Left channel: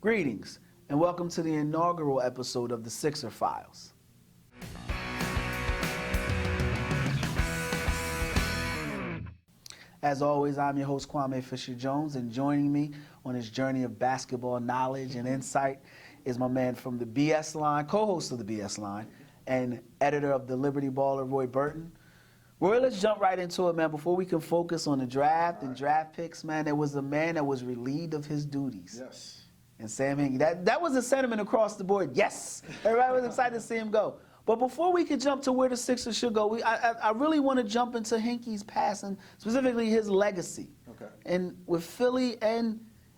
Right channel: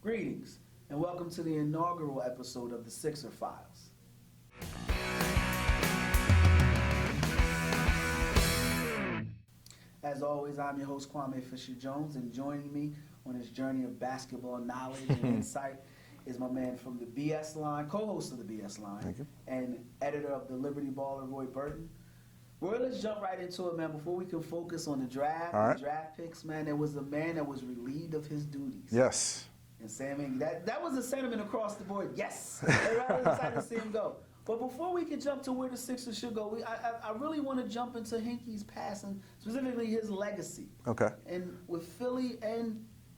Greetings, and welcome to the inaugural episode of the Sixer Files. As always, I'm your host, Kwame Fisher-Jones, and joining me on this journey of basketball knowledge and insight is my man from the BS Line, co-host of the BS Line, and editor of the Liberty Baller, Roy Burton. Roy, let's jump right into it, man. Before we can focus on the draft and draft picks, man, there was a man that was relieved of his duties. Yes. And Sam Hinkie, that was a sentiment across the board. Yes. Everybody was excited to see him go. But before we could jump to where the Sixers should go, I really want to jump into Hinkie's past and specifically his legacy. Okay. And with Philly and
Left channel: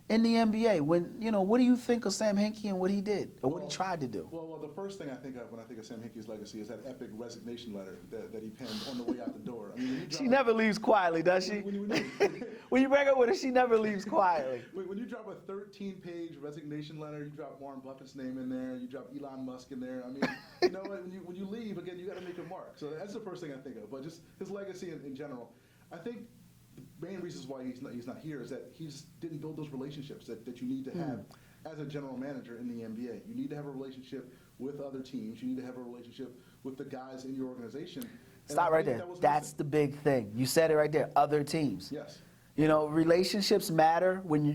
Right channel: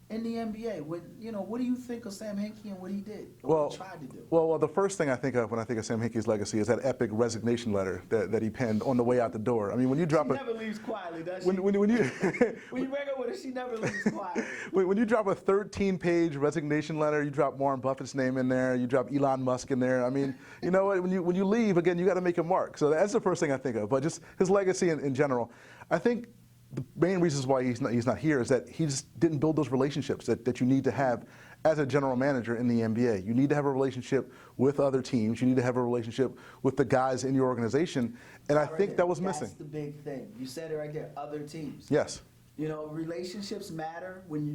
in the NBA, what do you think of Sam Hinkie and what he did or what he tried to do? Well, the first thing I think of when I think of Sam Hinkie's legacy is that epic resignation letter that he penned on the way out the door. I mean, when you drop she never leaves quietly, does she? When you when you break up with her, she never leaves quietly. When you drop a 13-page resignation letter, you drop Warren Buffett's name in there, you drop Elon Musk in there. I mean, you know what? When you leave, again, you got to make a mark. So that's the first thing I think of. But just his legacy in general, I think. The main reasons why he's not here is that he just didn't build those relationships that you need to have as a general manager in the NBA. You need to have a relationship with other teams. You need to have a relationship with the guys in your organization. And I think that was missing. That's the big thing. You said it right there, other teams. Yes. You know, relationships matter when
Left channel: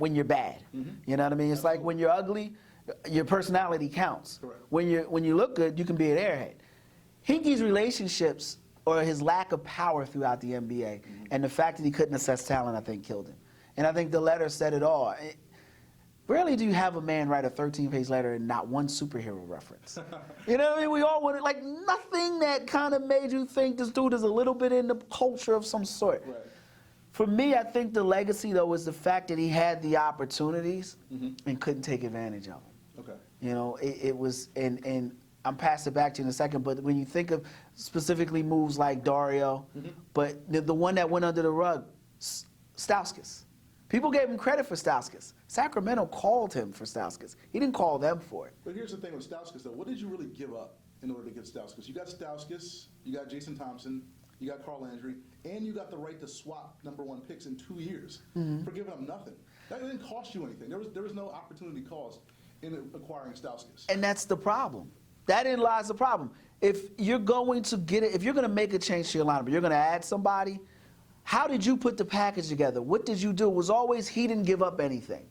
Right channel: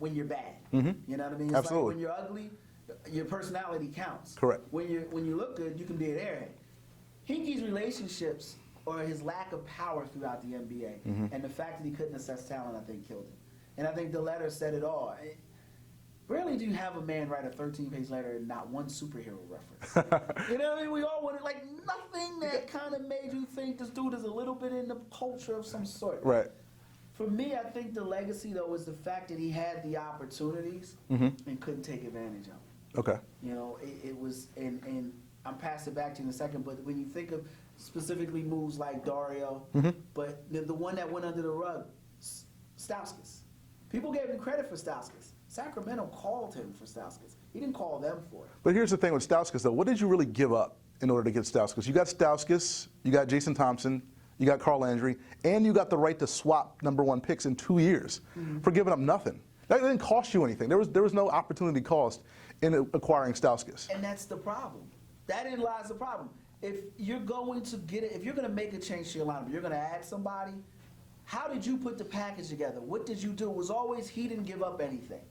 you're bad. Mm-hmm. You know what I mean? It's Absolutely. like when you're ugly, your personality counts. Correct. When you look good, you can be an airhead. Hinkie's relationships or his lack of power throughout the NBA, and the fact that he couldn't assess talent, I think, killed him. And I think the letter said it all. Rarely do you have a man write a 13-page letter and not one superhero reference. You know what I mean? We all wanted, like, nothing that kind of made you think this dude is a little bit in the culture of some sort. Right. For me, I think the legacy, though, is the fact that he had the opportunities and couldn't take advantage of them. Okay. You know, it was, and I'm pass it back to you in a second, but when you think of specifically moves like Dario, but the one that went under the rug, Stauskas. People gave him credit for Stauskas. Sacramento called him for Stauskas. He didn't call them for it. But here's the thing with Stauskas, though. What did you really give up in order to get Stauskas? You got Stauskas, you got Jason Thompson, you got Carl Landry, and you got the right to swap #1 picks in 2 years for giving up nothing. That didn't cost you anything. There was no opportunity cost in acquiring Stauskas. And that's the problem. That lies the problem. If you're going to get it, if you're going to make a change to your lineup, you're going to add somebody, how did you put the package together? What did you do? It was always he didn't give up anything.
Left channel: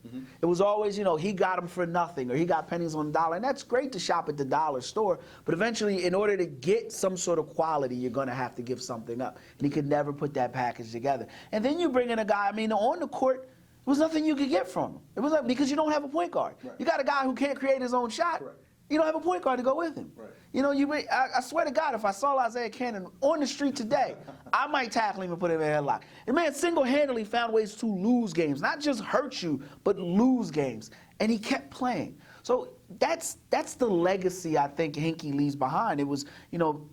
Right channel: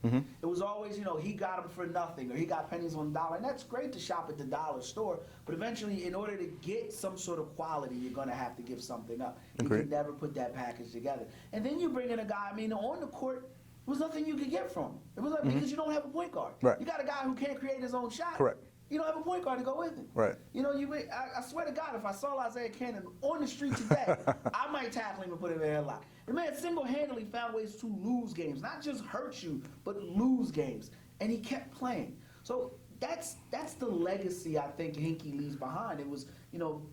It was always, he got them for nothing or he got pennies on the dollar. And that's great to shop at the dollar store, but eventually in order to get some sort of quality, you're going to have to give something up. And he could never put that package together. And then you bring in a guy, on the court, there was nothing you could get from him. It was like, because you don't have a point guard. Right. You got a guy who can't create his own shot. Correct. You don't have a point guard to go with him. Right. I swear to God, if I saw Isaiah Cannon on the street today, I might tackle him and put him in a headlock. The man single-handedly found ways to lose games, not just hurt you, but lose games. And he kept playing. So that's the legacy I think Hinkie leaves behind. It was,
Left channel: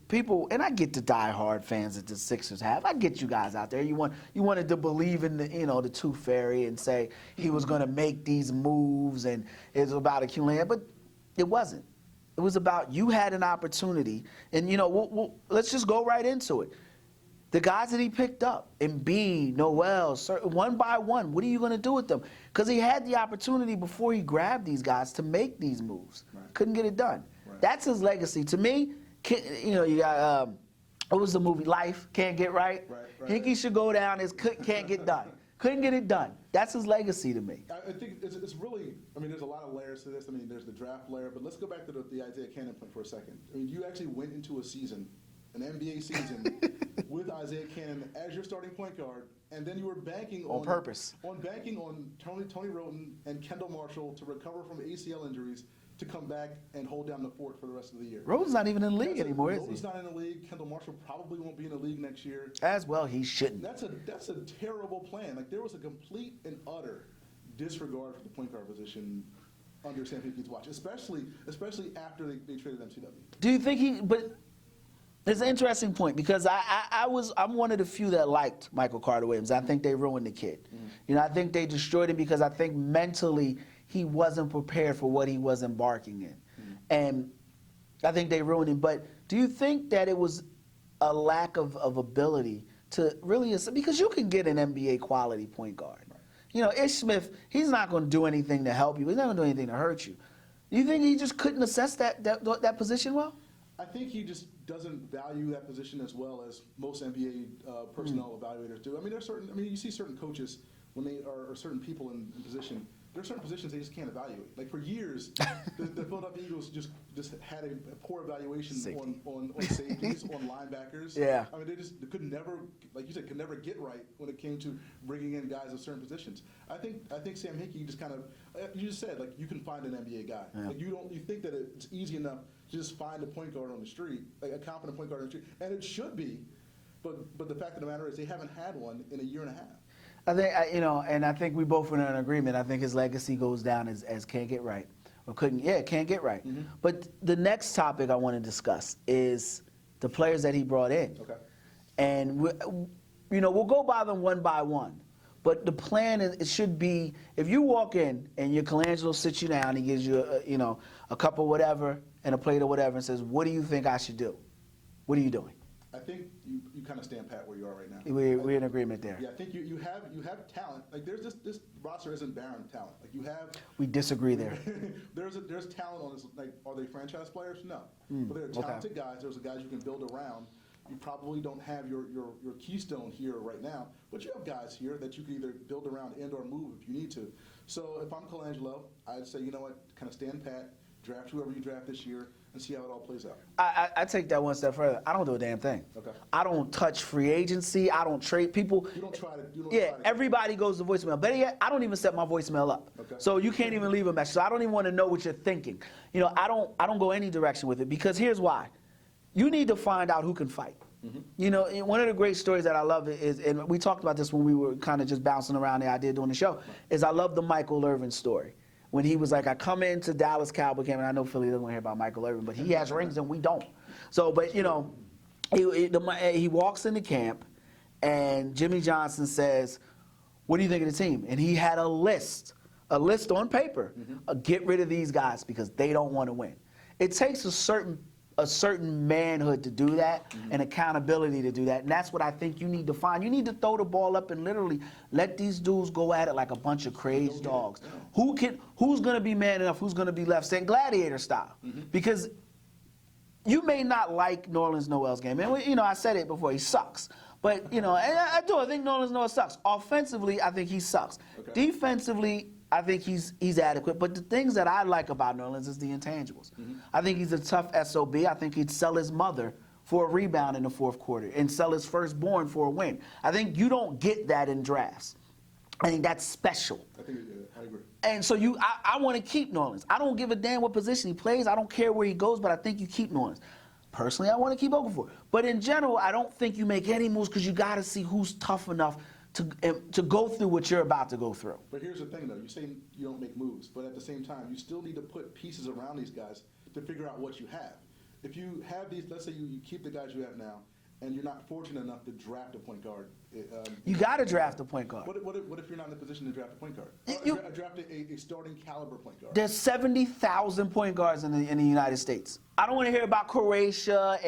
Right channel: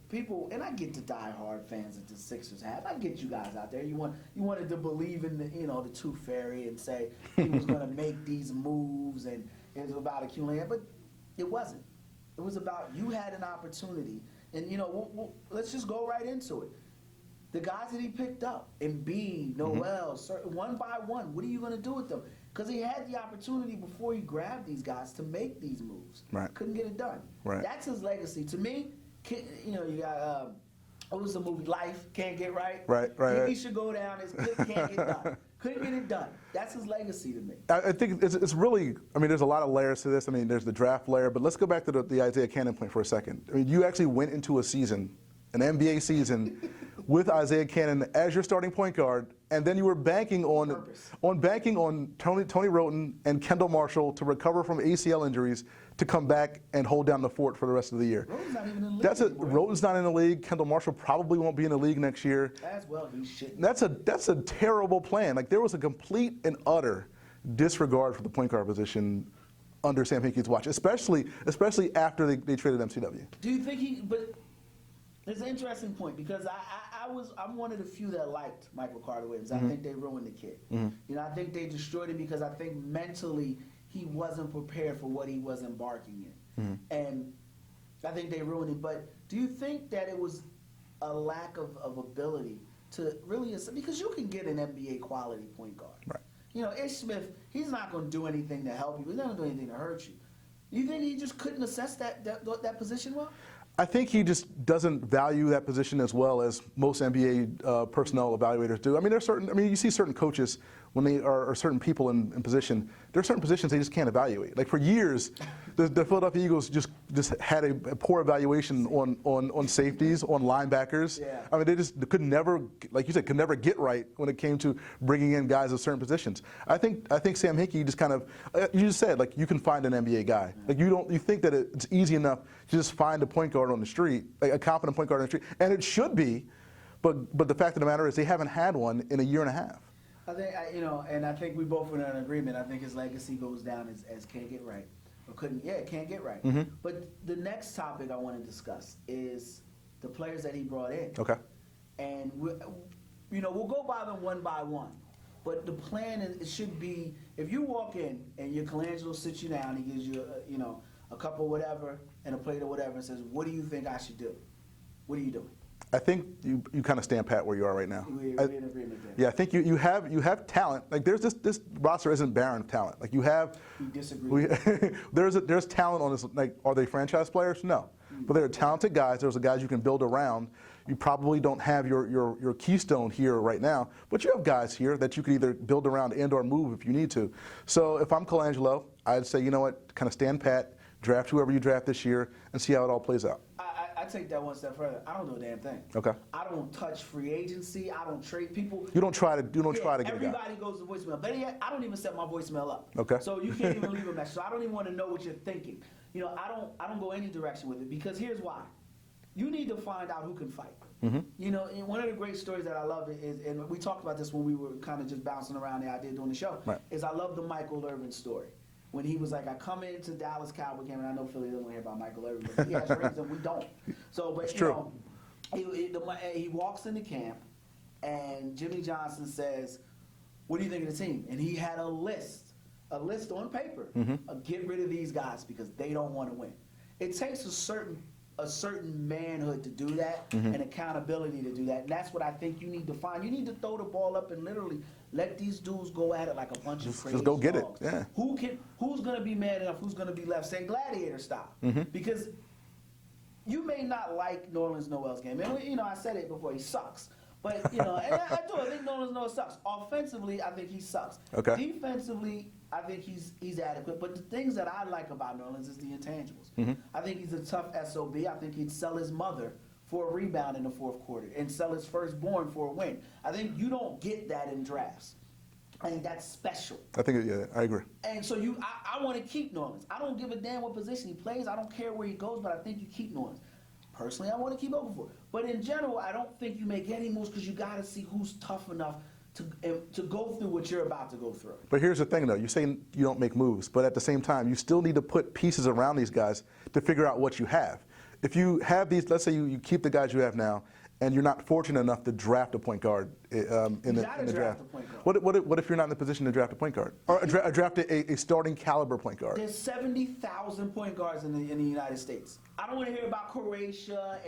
people, and I get the diehard fans that the Sixers have. I get you guys out there. You wanted to believe in the Tooth Fairy and say he was going to make these moves and it's about accumulating, but it wasn't. It was about you had an opportunity, and let's just go right into it. The guys that he picked up, Embiid, Noel, one by one, what are you going to do with them? Because he had the opportunity before he grabbed these guys to make these moves. Right. Couldn't get it done. Right. That's his legacy. To me, you got what was the movie Life? Can't Get Right. Right. Hinkie should go down as can't get done. Couldn't get it done. That's his legacy to me. I think it's really, there's a lot of layers to this. There's the draft layer, but let's go back to the Isaiah Cannon point for a second. You actually went into a season, an NBA season, with Isaiah Cannon as your starting point guard, and then you were banking on purpose. Banking on Tony Wroten and Kendall Marshall to recover from ACL injuries to come back and hold down the fort for the rest of the year. Wroten's not even in the league anymore. Wroten's not in the league. Kendall Marshall probably won't be in the league next year. As well, he shouldn't. That's a terrible plan. Like, there was a complete and utter disregard for the point guard position under Sam Hinkie's watch, especially after they traded MCW. Do you think but it's an interesting point because I'm one of the few that liked Michael Carter Williams. I think they ruined the kid. I think they destroyed him because I think mentally he wasn't prepared for what he was embarking in. And I think they ruined him. But do you think that it was a lack of ability to really, because you can get an NBA quality point guard. Right. You know, Ish Smith, he's not going to do anything to help you. He's not going to do anything to hurt you. You think he just couldn't assess that position well? I think he just doesn't value that position as well as most NBA personnel evaluators do. I mean, you see certain coaches when they are certain people in position. There are certain positions they just can't evaluate. Like for years, the Philadelphia Eagles just had a poor evaluation on safeties, on linebackers. Yeah. I mean, they could never, like you said, could never get right when it came to bringing in guys of certain positions. I think Sam Hinkie just kind of, you just said, like, you can find an NBA guy. Yeah. Like you think that it's easy enough to just find a point guard on the street, like a competent point guard on the street, and it should be, but the fact of the matter is they haven't had one in a year and a half. I think, and I think we both were in an agreement. I think his legacy goes down as can't get right. Or can't get right. Mm-hmm. But the next topic I want to discuss is the players that he brought in. Okay. And, we'll go by them one by one. But the plan is, it should be, if you walk in and your Colangelo sits you down, he gives you, a cup of whatever and a plate of whatever and says, what do you think I should do? What are you doing? I think you kind of stand pat where you are right now. We're in agreement there. Yeah, I think you have talent. Like there's this roster isn't barren of talent. Like you have. We disagree. There's talent on this. Like, are they franchise players? No, but they're talented guys. There's the guys you can build around. You probably don't have your keystone here right now, but you have guys here that you could either build around and/or move if you need to. So if I'm Colangelo, I'd say, you know what, kind of stand pat, draft whoever you draft this year, and see how it all plays out. I take that one step further. I don't do a damn thing. Okay. I don't touch free agency. I don't trade people. You don't try to get everybody goes to voicemail. Better yet, I don't even set my voicemail up. Okay. So you can't even leave a message. So I don't even want to know what you're thinking. I don't go any direction with it because here's why. You need to find out who can fight. Mm-hmm. One of the great stories that I love is, and we talked about this when we were kind of just bouncing around the idea doing the show, right, is I love the Michael Irvin story. When he was like, I come into Dallas Cowboy game, and I know Philly doesn't want to hear about Michael Irvin, but he has rings and we don't. So, but he walks into camp, and Jimmy Johnson says, "What do you think of the team?" And he had a list on paper. Mm-hmm. Get rid of these guys because they don't want to win. It takes a certain manhood to do that, mm-hmm, and accountability to do that. And that's what I think you need to find. You need to throw the ball up and literally let these dudes go at it like a bunch of crazy dogs. Yeah. Who's going to be man enough? Who's going to be left standing? Gladiator style. Mm-hmm. Because you may not like Nerlens Noel's game. And, I said it before. He sucks. But, and I do. I think Nerlens Noel sucks. Offensively, I think he sucks. Okay. Defensively, I think he's adequate. But the things that I like about Nerlens is the intangibles. Mm-hmm. I think he's a tough SOB. I think he'd sell his mother for a rebound in the fourth quarter and sell his firstborn for a win. I think you don't get that in drafts. I think that's special. I think, yeah, I agree. And so I want to keep Nerlens. I don't give a damn what position he plays. I don't care where he goes, but I think you keep Nerlens. Personally, I want to keep Okafor. But in general, I don't think you make any moves because you got to see who's tough enough to go through what you're about to go through. But here's the thing, though. You're saying you don't make moves, but at the same time, you still need to put pieces around these guys to figure out what you have. If you have these, let's say you keep the guys you have now, and you're not fortunate enough to draft a point guard. You got to draft a point guard. What if you're not in the position to draft a point guard? Or draft a starting caliber point guard? There's 70,000 point guards in the United States. I don't want to hear about Croatia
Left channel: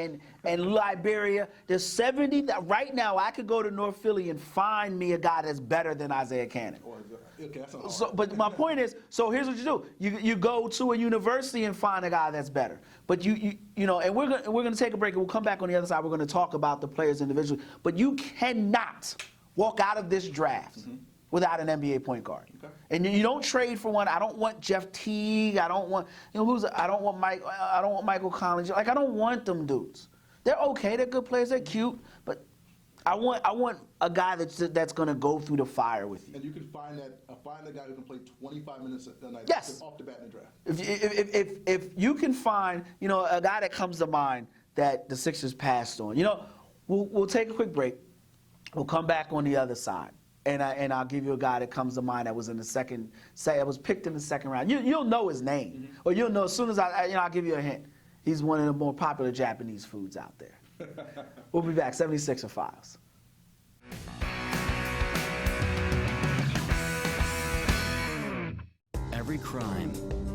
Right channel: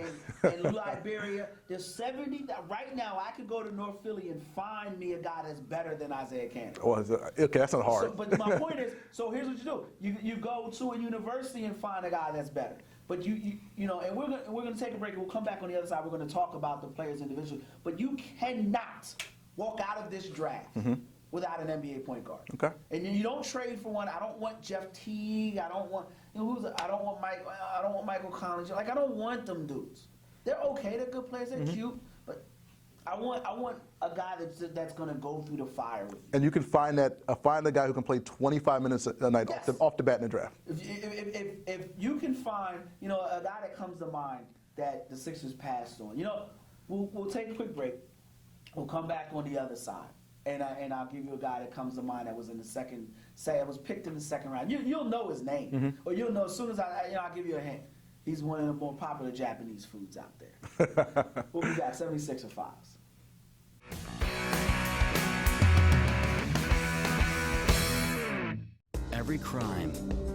and Liberia. There's 70. Right now, I could go to North Philly and find me a guy that's better than Isaiah Canaan. Oh, okay, that's not hard. So, but my point is, so here's what you do. You go to a university and find a guy that's better. But and we're gonna take a break and we'll come back on the other side. We're gonna talk about the players individually. But you cannot walk out of this draft without an NBA point guard. Okay. And you don't trade for one. I don't want Jeff Teague. I don't want I don't want Michael Collins. Like I don't want them dudes. They're okay. They're good players. They're cute. But I want a guy that's going to go through the fire with you. And you can find a guy who can play 25 minutes a night off the bat in the draft. If you can find a guy that comes to mind that the Sixers passed on, we'll take a quick break. We'll come back on the other side, and I'll give you a guy that comes to mind that was in the second. Say it was picked in the second round. You'll know his name, or you'll know as soon as I'll give you a hint. He's one of the more popular Japanese foods out there. We'll be back. 76er Files. Every crime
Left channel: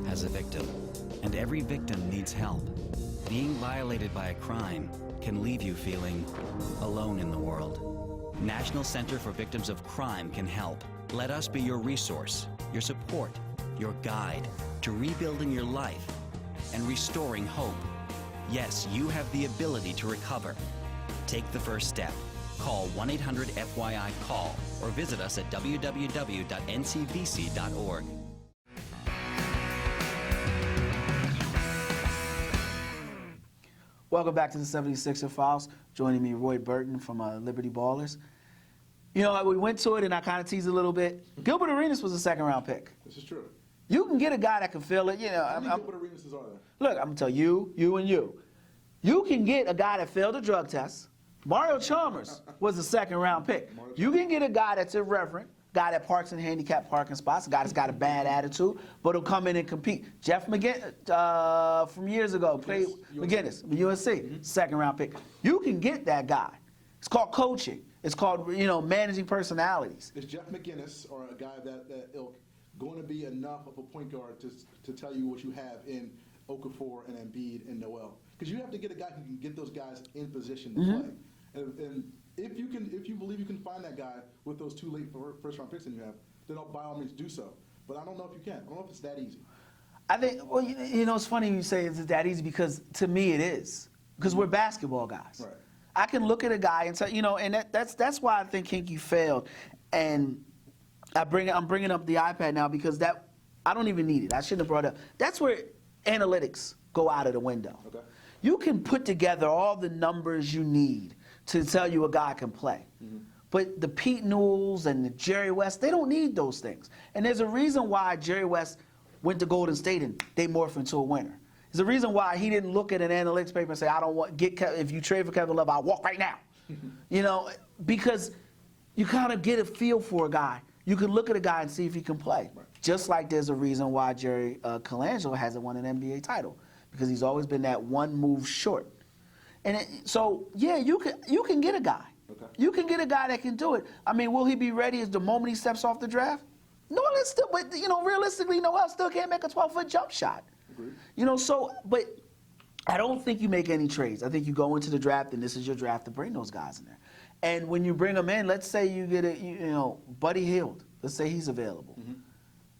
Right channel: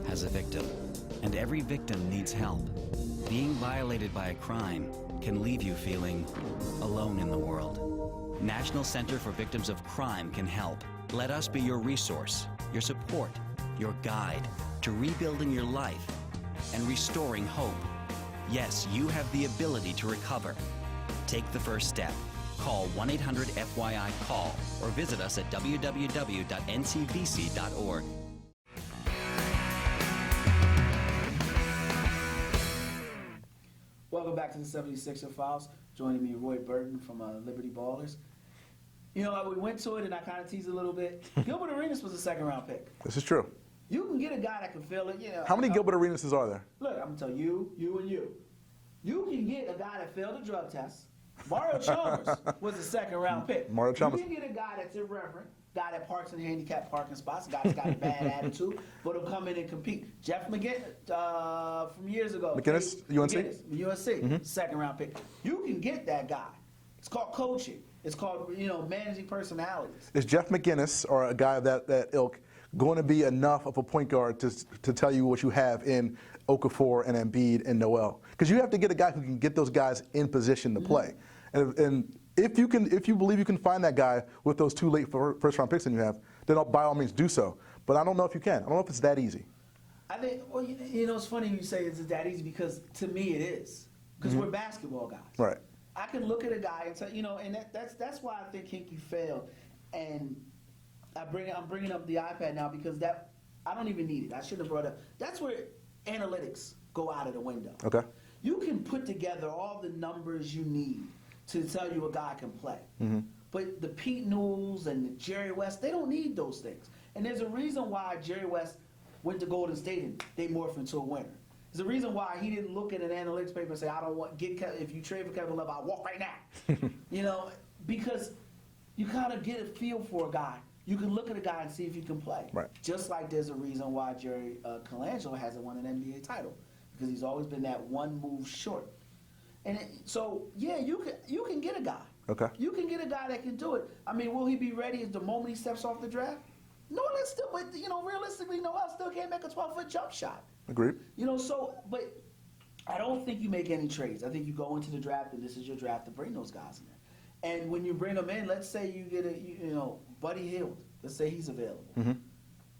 has a victim, and every victim needs help. Being violated by a crime can leave you feeling alone in the world. National Center for Victims of Crime can help. Let us be your resource, your support, your guide to rebuilding your life and restoring hope. Yes, you have the ability to recover. Take the first step. Call 1-800-FYI-CALL or visit us at www.ncvc.org. Welcome back to the 76er Files. Joining me, Roy Burton from Liberty Ballers. You know, we went to it and I kind of teased a little bit. Gilbert Arenas was a second-round pick. This is true. You can get a guy that can fill it. You know, How many Gilbert Arenases are there? Look, I'm gonna tell you, and you. You can get a guy that failed a drug test. Mario Chalmers was a second-round pick. Mario You Chalmers. can get a guy that's irreverent, guy that parks in handicapped parking spots, a guy that's got a bad attitude, but he'll come in and compete. Jeff McGinnis, from years ago. McGinnis, UNC? McGinnis, UNC, second-round pick. You can get that guy. It's called coaching. It's called, managing personalities. Is Jeff McGinnis or a guy of that ilk going to be enough of a point guard to tell you what you have in Okafor and Embiid and Noel? Because you have to get a guy who can get those guys in position to play. And if you believe you can find that guy with those two late first-round picks that you have, then by all means do so. But I don't know if you can. I don't know if it's that easy. I think, well, it's funny you say it's that easy because to me it is. Because we're basketball guys. Right. I can look at a guy and say, and that's why I think Kinky failed. And I'm bringing up the iPad now because I don't even need it. I shouldn't have brought it up. That's where analytics go out of the window. Okay. You can put together all the numbers you need to tell you a guy can play. But the Pete Newells and the Jerry West, they don't need those things. And there's a reason why Jerry West went to Golden State and they morphed into a winner. There's a reason why he didn't look at an analytics paper and say, I don't want, if you trade for Kevin Love, I'll walk right now. Because you kind of get a feel for a guy. You can look at a guy and see if he can play. Right. Just like there's a reason why Jerry Colangelo hasn't won an NBA title, because he's always been that one move short. And you can get a guy. Okay. You can get a guy that can do it. I mean, will he be ready as the moment he steps off the draft? No, but realistically, Noel still can't make a 12-foot jump shot. Agreed. But I don't think you make any trades. I think you go into the draft, and this is your draft to bring those guys in there. And when you bring them in, let's say you get Buddy Hield. Let's say he's available.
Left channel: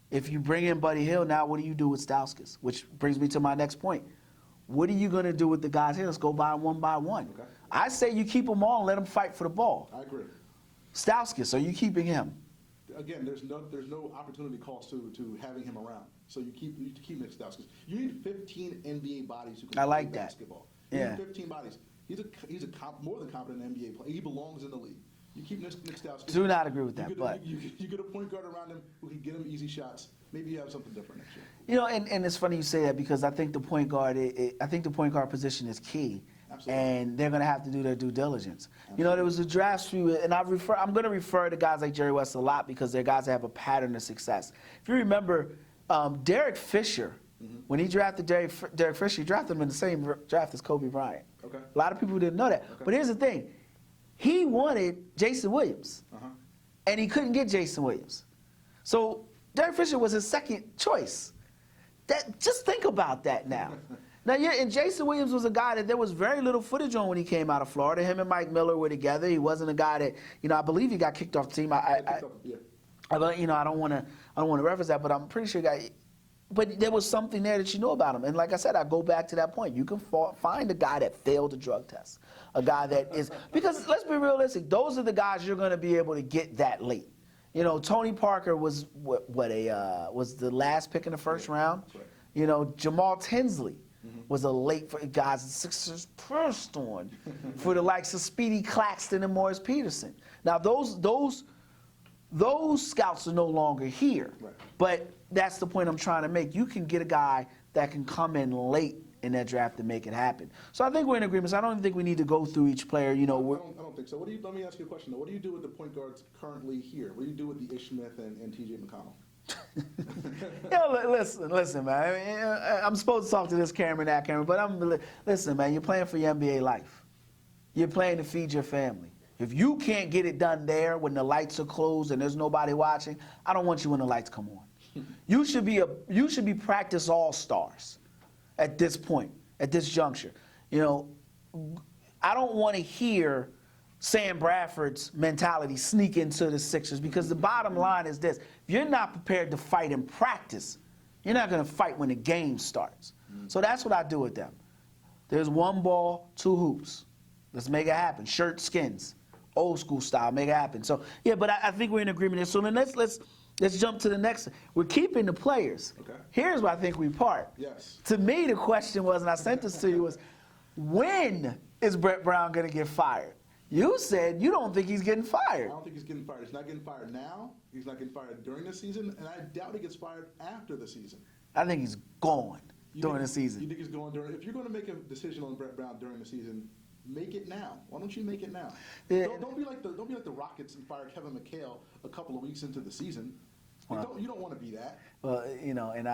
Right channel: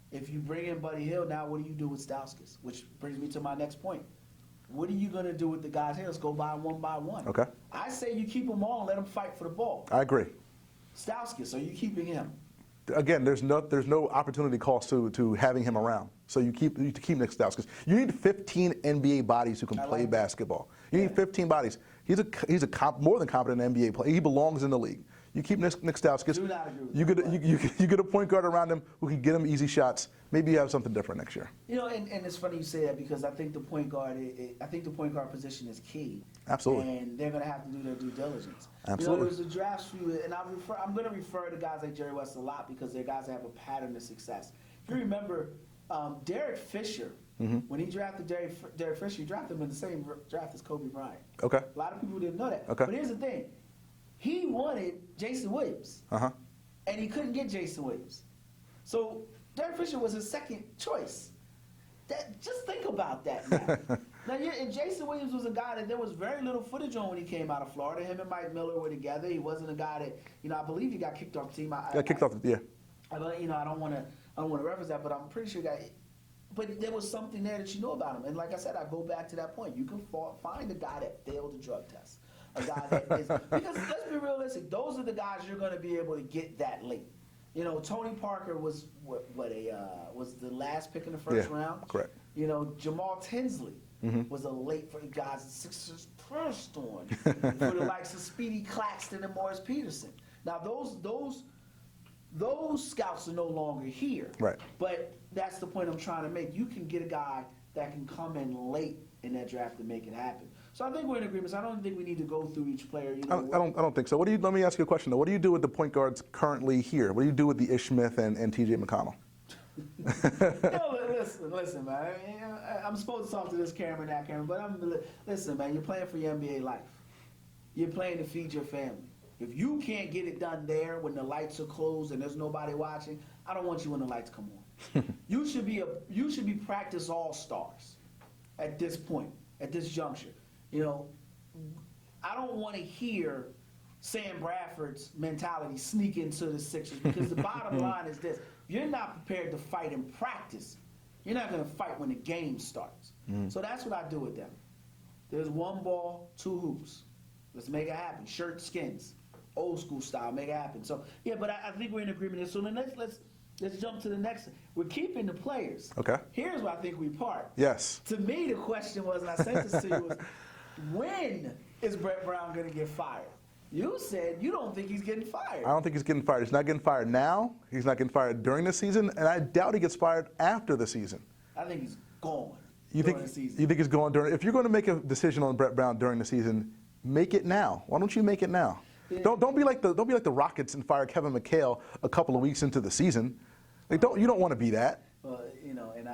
If you bring in Buddy Hield, now what do you do with Stauskas? Which brings me to my next point. What are you going to do with the guys here? Let's go by them one by one. Okay. I say you keep them all and let them fight for the ball. I agree. Stauskas, are you keeping him? Again, there's no opportunity cost to having him around. So you keep Nick Stauskas. You need 15 NBA bodies who can play basketball. You need 15 bodies. He's a more than competent NBA player. He belongs in the league. You keep Nick Stauskas. Do not agree with that. You get a point guard around him who can get him easy shots. Maybe you have something different next year. And it's funny you say that because I think the point guard position is key. Absolutely. And they're going to have to do their due diligence. Absolutely. There was a draft and I'm going to refer to guys like Jerry West a lot because they're guys that have a pattern of success. If you remember, Derek Fisher, when he drafted Derek Fisher, he drafted him in the same draft as Kobe Bryant. Okay. A lot of people didn't know that. Okay. But here's the thing. He wanted Jason Williams. And he couldn't get Jason Williams. So Derek Fisher was his second choice. Just think about that now. And Jason Williams was a guy that there was very little footage on when he came out of Florida. Him and Mike Miller were together. He wasn't a guy that, I believe he got kicked off the team. Yeah. I don't want to reference that, but I'm pretty sure he got. But there was something there that you know about him. And like I said, I go back to that point. You can find a guy that failed a drug test. A guy that is, because let's be realistic, those are the guys you're going to be able to get that late. Tony Parker was was the last pick in the first round. Correct. Jamal Tinsley was a late for guys the Sixers pressed on for the likes of Speedy Claxton and Morris Peterson. Now those scouts are no longer here. Right. But that's the point I'm trying to make. You can get a guy that can come in late in that draft to make it happen. So I think we're in agreement. So I don't think we need to go through each player. I don't think so. Let me ask you a question though. What do you do with the point guards currently here? What do you do with the Ish Smith and T.J. McConnell? Listen, man. I'm supposed to talk to this camera, that camera, but listen, man. You're playing for your NBA life. You're playing to feed your family. If you can't get it done there when the lights are closed and there's nobody watching, I don't want you when the lights come on. You should be practice all-stars at this point, at this juncture. I don't want to hear Sam Bradford's mentality sneak into the Sixers, because the bottom line is this: if you're not prepared to fight in practice, you're not going to fight when the game starts. So that's what I do with them. There's one ball, two hoops. Let's make it happen. Shirt skins, old school style, make it happen. So yeah, but I think we're in agreement there. So then let's jump to the next. We're keeping the players. Okay. Here's where I think we part. Yes. To me, the question was, and I sent this to you, was when is Brett Brown going to get fired? You said you don't think he's getting fired. I don't think he's getting fired. He's not getting fired now. He's not getting fired during the season, and I doubt he gets fired after the season. I think he's gone during the season. You think he's going during? If you're going to make a decision on Brett Brown during the season, make it now. Why don't you make it now? Yeah. Don't be like the Rockets and fire Kevin McHale a couple of weeks into the season. Like, you don't want to be that. Well, you know, and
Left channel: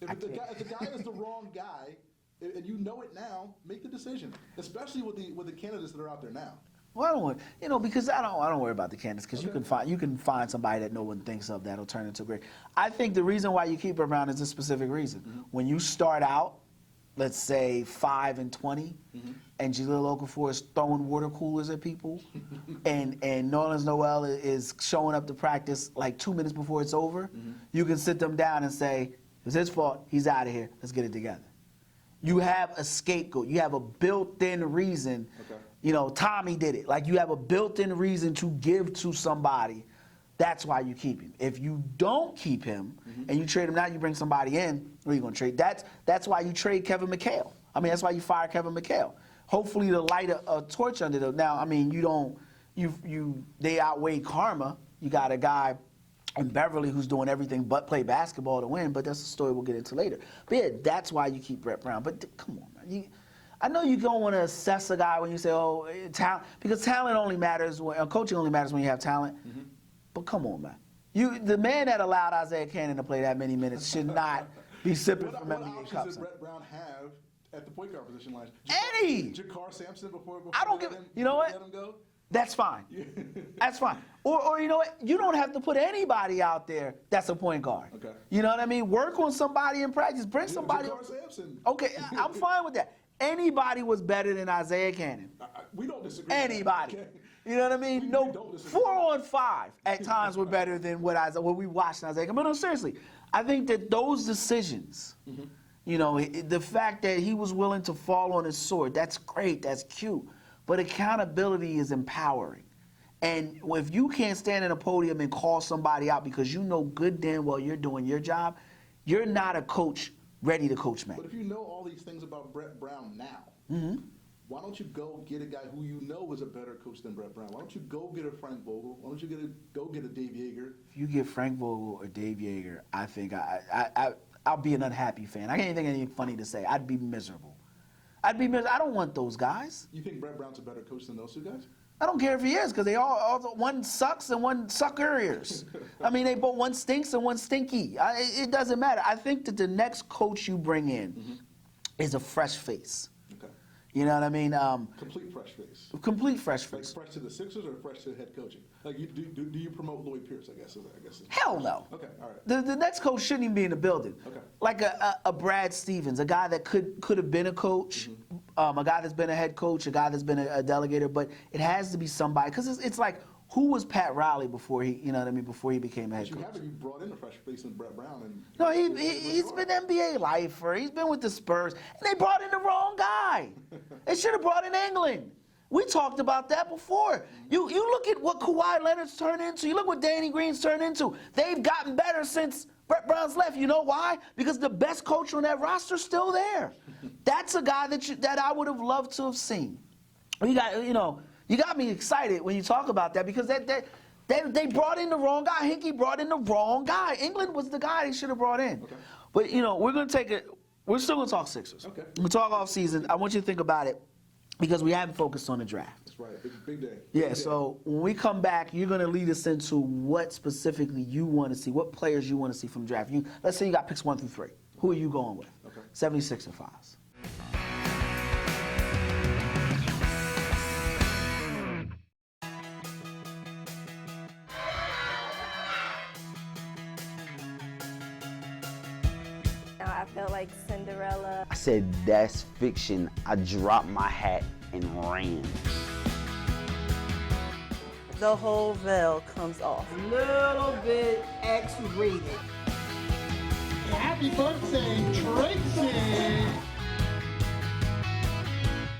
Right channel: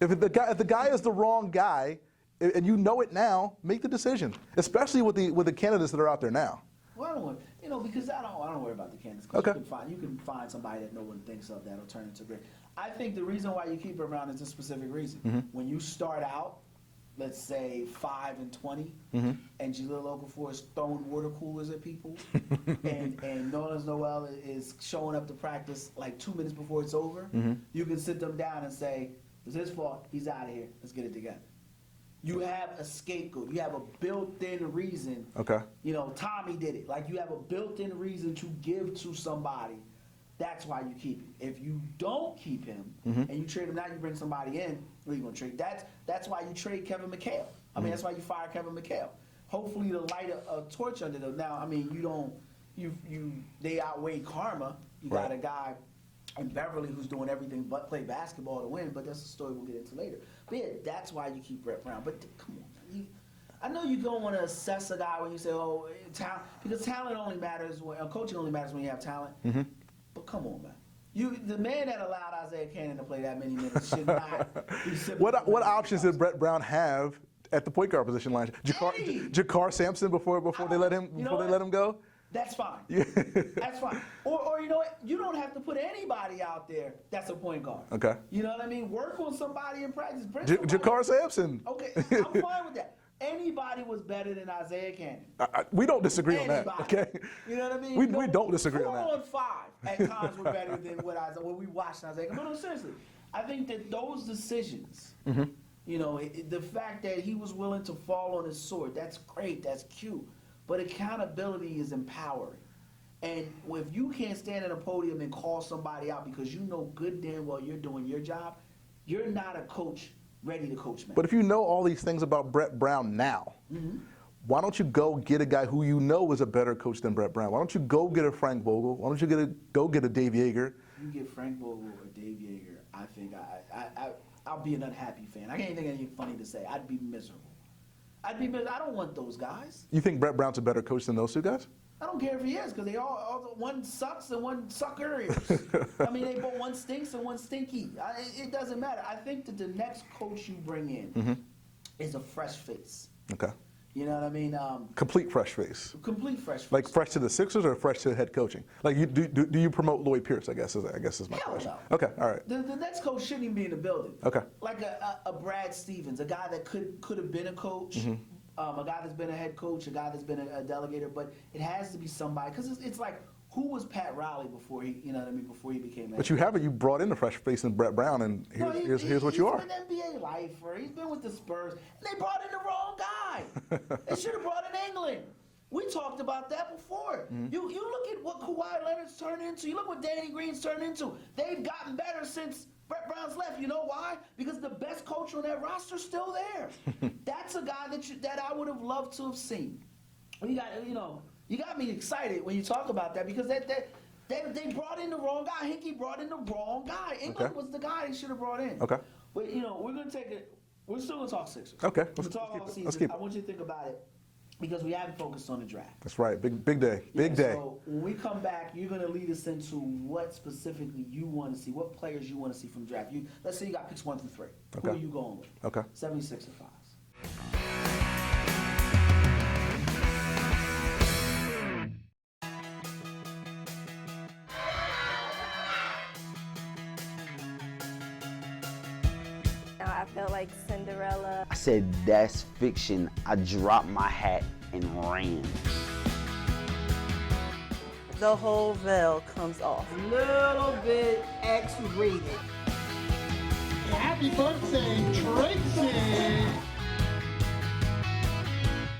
If the guy is the wrong guy, and you know it now, make the decision. Especially with the candidates that are out there now. Well, I don't want, you know, because I don't worry about the candidates, because Okay. you can find somebody that no one thinks of that'll turn into great. I think the reason why you keep Brett Brown is a specific reason. When you start out, let's say 5-20, and Jahlil Okafor is throwing water coolers at people, and Nerlens Noel is showing up to practice like 2 minutes before it's over, you can sit them down and say, it's his fault, he's out of here, let's get it together. You have a scapegoat. You have a built-in reason. Okay. You know, Tommy did it. Like, you have a built-in reason to give to somebody. That's why you keep him. If you don't keep him and you trade him now, you bring somebody in, who are you going to trade? That's why you trade Kevin McHale. I mean, that's why you fire Kevin McHale. Hopefully to light a torch under them. Now, I mean, they outweigh karma. You got a guy in Beverly who's doing everything but play basketball to win, but that's a story we'll get into later. But yeah, that's why you keep Brett Brown. But come on, man. I know you don't want to assess a guy when you say, oh, talent, because talent only matters coaching only matters when you have talent. But come on, man. The man that allowed Isaiah Cannon to play that many minutes should not be sipping. What options did Brett Brown have at the point guard position line? Any. Jakar Sampson before they let him go? That's fine. That's fine. Or you know what? You don't have to put anybody out there that's a point guard. Okay. You know what I mean? Work on somebody in practice. Bring somebody. Jakar Sampson. Okay, I'm fine with that. Anybody was better than Isaiah Cannon. We don't disagree on that. Anybody. Okay? You know what I mean? We don't disagree on that. 4 on 5 at times were better than what we watched Isaiah Cannon. But no, seriously, I think that those decisions, you know, the fact that he was willing to fall on his sword, that's great, that's cute. But accountability is empowering. And if you can't stand at a podium and call somebody out because you know good damn well you're doing your job, you're not a coach ready to coach, man. But if you know all these things about Brett Brown now, why don't you go get a guy who you know is a better coach than Brett Brown? Why don't you go get a Frank Vogel? Why don't you go get a Dave Yeager? You get Frank Vogel or Dave Yeager, I think I'll be an unhappy fan. I can't think of anything funny to say. I'd be miserable. I don't want those guys. You think Brett Brown's a better coach than those two guys? I don't care if he is, because they all one sucks and one suckers. I mean, they both, one stinks and one stinky. It doesn't matter. I think that the next coach you bring in is a fresh face. Okay. You know what I mean? Complete fresh face. Complete fresh face. Like fresh to the Sixers or fresh to head coaching? Like, do you promote Lloyd Pierce? I guess is my Hell question. no. Okay, all right. The next coach shouldn't even be in the building. Okay. Like a Brad Stevens, a guy that could have been a coach, a guy that's been a head coach, a guy that's been a delegator, but it has to be somebody, because it's like, who was Pat Riley before he, you know what I mean, before he became head coach? But you brought in the fresh face in Brett Brown, and here's what he's you are. He's been NBA lifer. He's been with the Spurs, and they brought in the wrong guy. They should have brought in England. We talked about that before. You look at what Kawhi Leonard's turned into. You look what Danny Green's turned into. They've gotten better since Brett Brown's left. You know why? Because the best coach on that roster's still there. That's a guy that I would have loved to have seen. You got me excited when you talk about that, because they brought in the wrong guy. Hinkie brought in the wrong guy. England was the guy they should have brought in. Okay. But we're gonna take it. We're still gonna talk Sixers. Okay. We're gonna talk off season. I want you to think about it, because we haven't focused on the draft. That's right. Big day. Yeah. Big day. So when we come back, you're gonna lead us into what specifically you want to see, what players you want to see from the draft. Let's say you got picks 1 through 3. Who are you going with? Okay. 76 and 5s. I felt like Cinderella. I said, that's fiction. I dropped my hat and ran. the whole veil comes off. Little bit X-rated. Happy birthday, Tracy!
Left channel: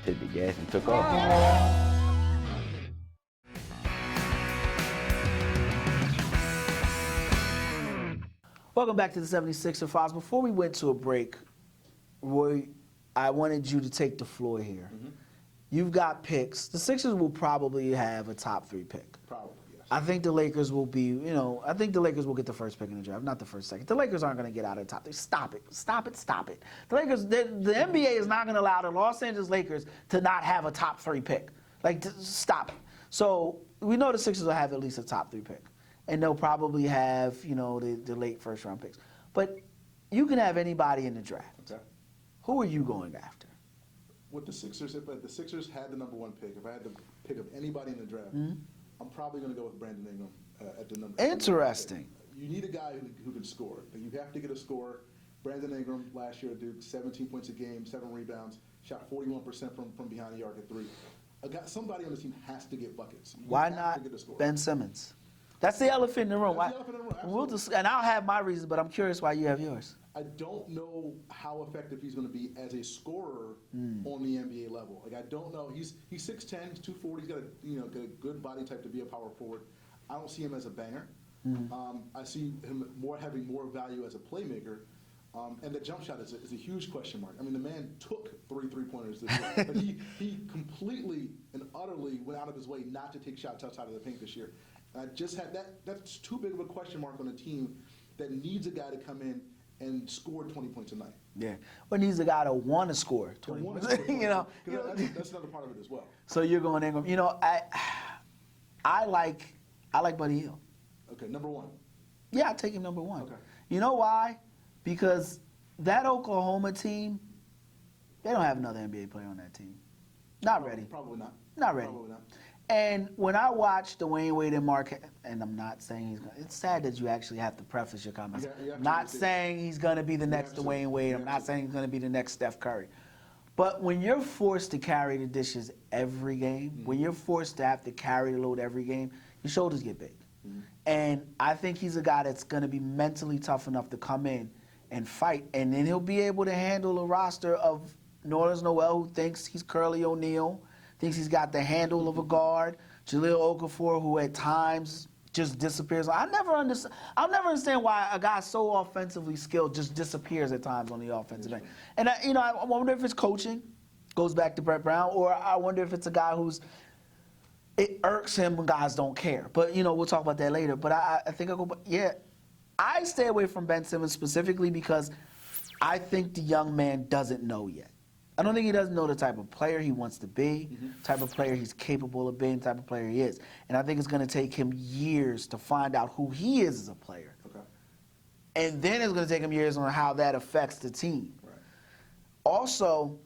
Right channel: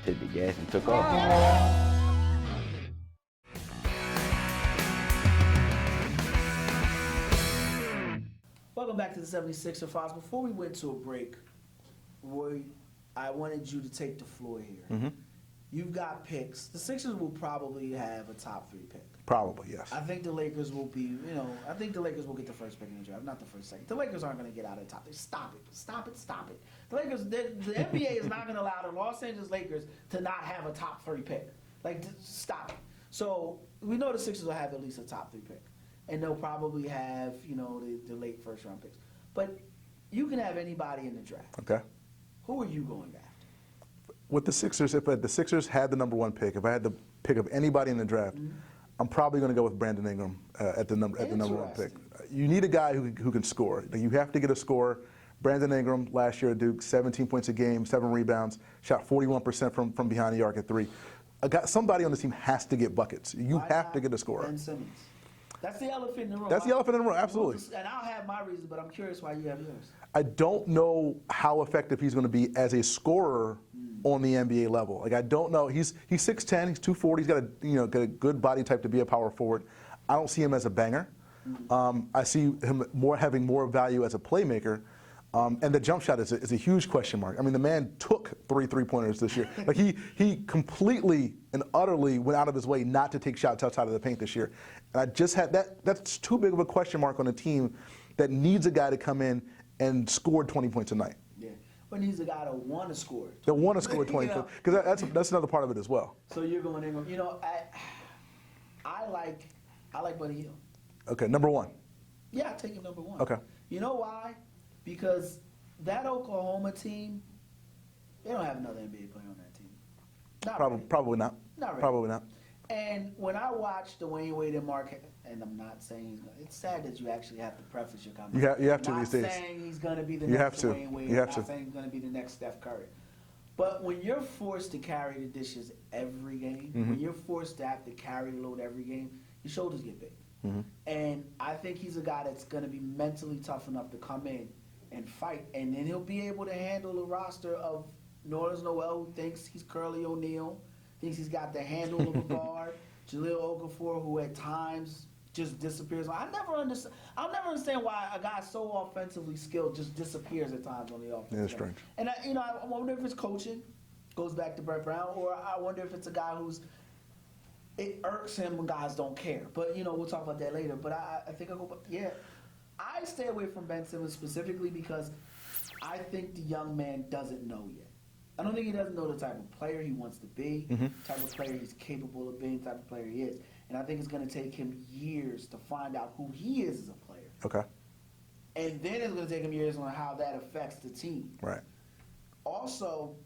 Hit the gas and took off. Welcome back to the 76er Files. Before we went to a break, Roy, I wanted you to take the floor here. You've got picks. The Sixers will probably have a top 3 pick. Probably, yes. I think the Lakers will be, I think the Lakers will get the first pick in the draft, not the first, second. The Lakers aren't going to get out of the top 3. Stop it. Stop it. Stop it. The Lakers, the NBA is not going to allow the Los Angeles Lakers to not have a top 3 pick. Like, stop it. So we know the Sixers will have at least a top 3 pick. And they'll probably have, the late first round picks. But you can have anybody in the draft. Okay. Who are you going after? With the Sixers, if the Sixers had the number 1 pick, if I had the pick of anybody in the draft, I'm probably going to go with Brandon Ingram at the number. Interesting. You need a guy who can score. Like, you have to get a scorer. Brandon Ingram last year at Duke, 17 points a game, 7 rebounds, shot 41% from behind the arc at 3. Somebody on this team has to get buckets. You Why have not to get a scorer. Ben Simmons. That's the elephant in the room. That's the elephant in the room, absolutely. And I'll have my reasons, but I'm curious why you have yours. I don't know how effective he's going to be as a scorer on the NBA level. Like, I don't know. He's 6'10", he's 240. He's got a good body type to be a power forward. I don't see him as a banger. I see him having more value as a playmaker. And the jump shot is a huge question mark. I mean, the man took 3 3-pointers this year. Like, he completely and utterly went out of his way not to take shots outside of the paint this year. And I just had that's too big of a question mark on a team that needs a guy to come in and score 20 points a night. Yeah. But needs a guy to want to score. That want to score 20 points. Because that's another part of it as well. So you're going Ingram. I like Buddy Hield. Okay, number 1. Yeah, I'll take him number 1. Okay. You know why? Because that Oklahoma team, they don't have another NBA player on that team. Not ready. Probably not. Not ready. Probably not. And when I watched Dwayne Wade and Mark, and I'm not saying he's going to, it's sad that you actually have to preface your comments. You have to not these days. saying he's going to be the You next have to. Dwayne Wade. You I'm have not to. saying he's going to be the next Steph Curry. But when you're forced to carry the dishes every game, when you're forced to have to carry the load every game, your shoulders get big. And I think he's a guy that's going to be mentally tough enough to come in and fight. And then he'll be able to handle a roster of Nerlens Noel, who thinks he's Curly O'Neal, thinks he's got the handle of a guard. Jahlil Okafor, who at times just disappears. I'll never understand why a guy so offensively skilled just disappears at times on the offensive end. And I wonder if it's coaching, goes back to Brett Brown, or I wonder if it's a guy it irks him when guys don't care. But we'll talk about that later. But I think I stay away from Ben Simmons specifically because I think the young man doesn't know yet. I don't think he doesn't know the type of player he wants to be, type of player he's capable of being, type of player he is. And I think it's going to take him years to find out who he is as a player. Okay. And then it's going to take him years on how that affects the team. Right. Also,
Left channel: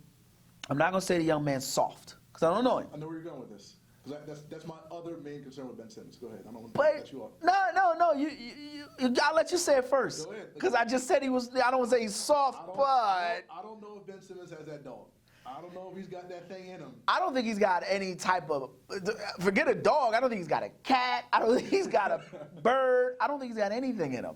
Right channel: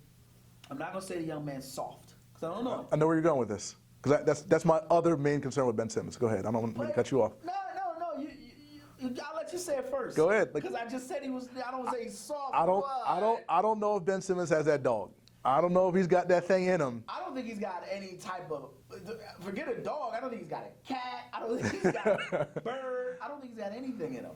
I'm not going to say the young man's soft, because I don't know him. I know where you're going with this. Because that's my other main concern with Ben Simmons. Go ahead. I don't want to cut you off. No. I'll let you say it first. Go ahead. Because I just said he was. I don't want to say he's soft. I don't know if Ben Simmons has that dog. I don't know if he's got that thing in him. I don't think he's got any type of. Forget a dog. I don't think he's got a cat. I don't think he's got a bird. I don't think he's got anything in him.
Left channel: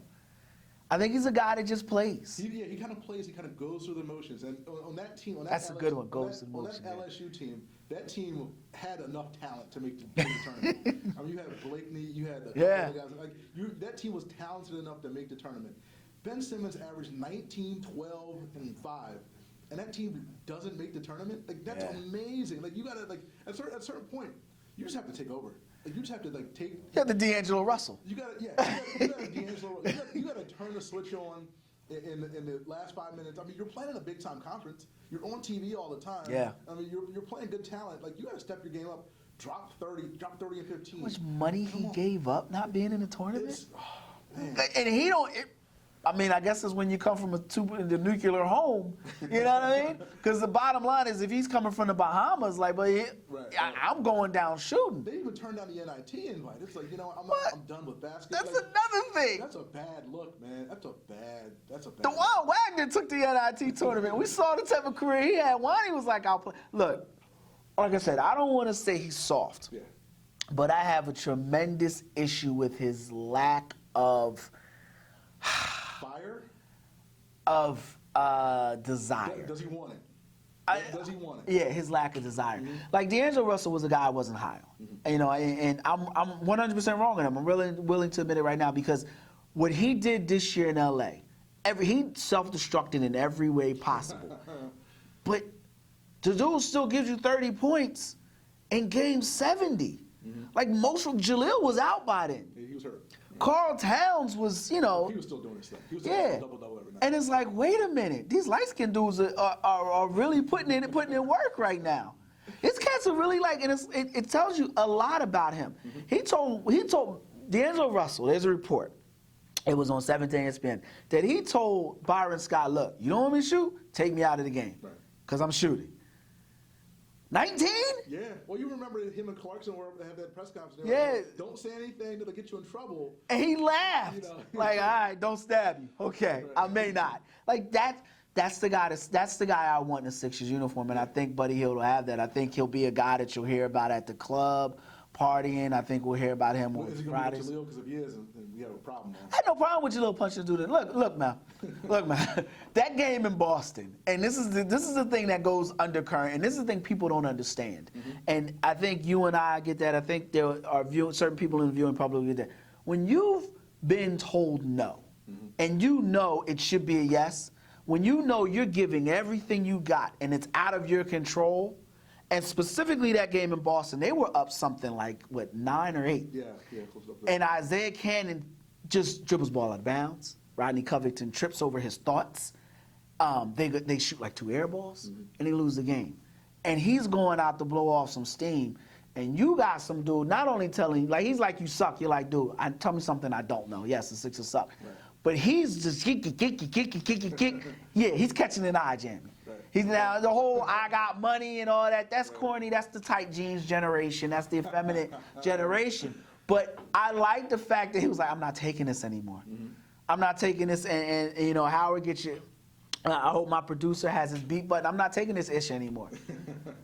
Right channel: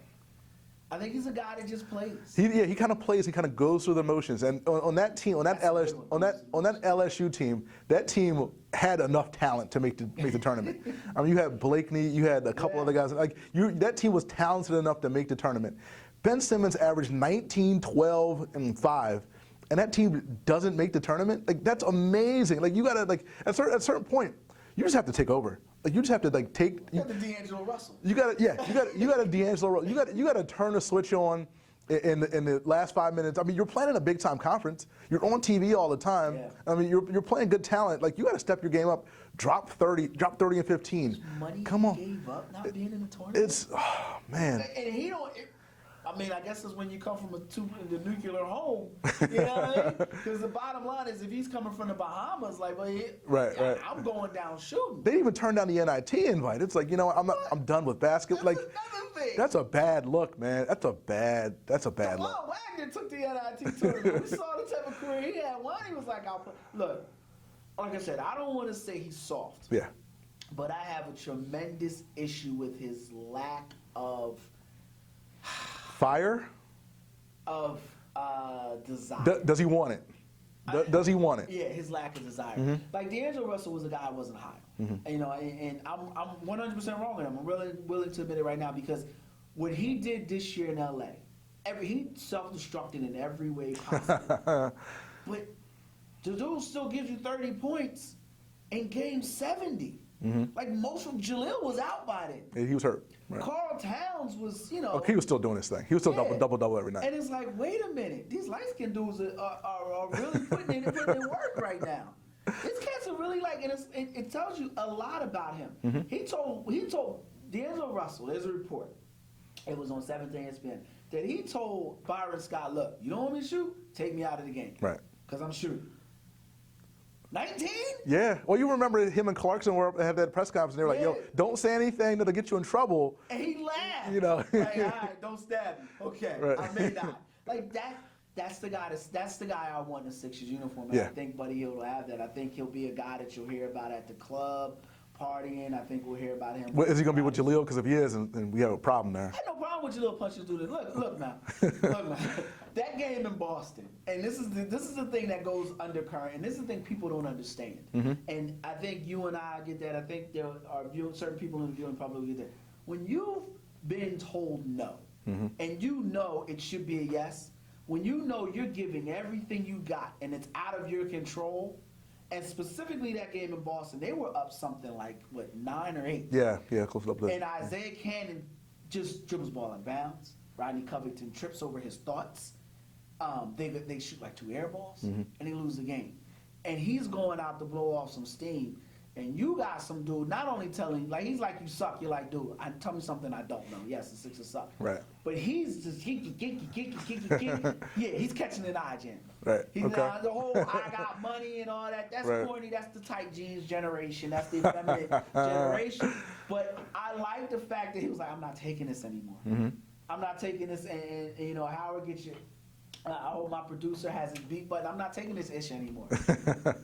I think he's a guy that just plays. He kind of plays. He kind of goes through the motions. And on that team, on that LSU team, that team had enough talent to make the tournament. I mean, you had Blakeney, you had a couple other guys. That team was talented enough to make the tournament. Ben Simmons averaged 19, 12, and 5. And that team doesn't make the tournament. That's amazing. You gotta at a certain point, you just have to take over. You just have to take. You got the D'Angelo Russell. You got a D'Angelo. You got to turn the switch on in the last 5 minutes. I mean, you're playing in a big time conference. You're on TV all the time. Yeah. I mean, you're playing good talent. You got to step your game up. Drop 30 and 15. How much money he gave up not being in the tournament? Man. And he don't. I guess it's when you come from the nuclear home, you know what I mean? Because the bottom line is, if he's coming from the Bahamas, I'm going down shooting. They even turned down the NIT invite. It's I'm done with basketball. That's another thing. That's a bad look, man. That's a bad look. DeJuan Wagner took the NIT tournament. We saw the type of career he had. Wani was like, I'll play. Look, like I said, I don't want to say he's soft. Yeah. but I have a tremendous issue with his lack of Fire? desire. Does he want it? Does he want it? Yeah, his lack of desire. Like D'Angelo Russell was a guy I wasn't high on, you know, and I'm 100% wrong on him. I'm really willing to admit it right now because what he did this year in LA, he self-destructed in every way possible. But the dude still gives you 30 points in game 70. Like most of Jaleel was out by then. Yeah, he was hurt. Right. Carl Towns was, you know. He was still doing his thing. He was still double every night. And it's like, wait a minute, these light-skinned dudes are really putting in work right now. These cats are really like, and it tells you a lot about him. He told D'Angelo Russell, there's a report, it was on 17 ESPN, that he told Byron Scott, look, you don't want me to shoot? Take me out of the game. Right. Because I'm shooting. 19? Yeah. Well, you remember him and Clarkson had that press conference. And they were like, yo, don't say anything that'll get you in trouble. And he laughed. You know. Like, all right, don't stab me. Okay, Right. I may not. Like that's the guy I want in the Sixers uniform, and I think Buddy Hield will have that. I think he'll be a guy that you'll hear about at the club, partying. I think we'll hear about him. Well, is he going to be with Fridays. Jaleel? Because if he is, then we have a problem there. I had no problem with your little punching dude. Look, man. Look, man. That game in Boston, and this is the thing that goes undercurrent, and this is the thing people don't understand. And I think you and I get that. I think there are certain people in the viewing public get that. When you've been told no, and you know it should be a yes, when you know you're giving everything you got and it's out of your control, and specifically that game in Boston, they were up something like, 9 or 8? Yeah, close up there. And Isaiah Cannon just dribbles ball out of bounds. Rodney Covington trips over his thoughts. They shoot like 2 air balls, and they lose the game. And he's going out to blow off some steam. And you got some dude not only telling you, like, he's like, you suck. You're like, dude, tell me something I don't know. Yes, the Sixers suck. Right. But he's just kick. Yeah, he's catching an eye jam. Right. He's Okay. now the whole I got money and all that. That's Right. corny. That's the tight jeans generation. That's the effeminate generation. But I like the fact that he was like, I'm not taking this anymore. I'm not taking this. And you know, Howard gets you. I hope my producer has his beat button. I'm not taking this ish anymore.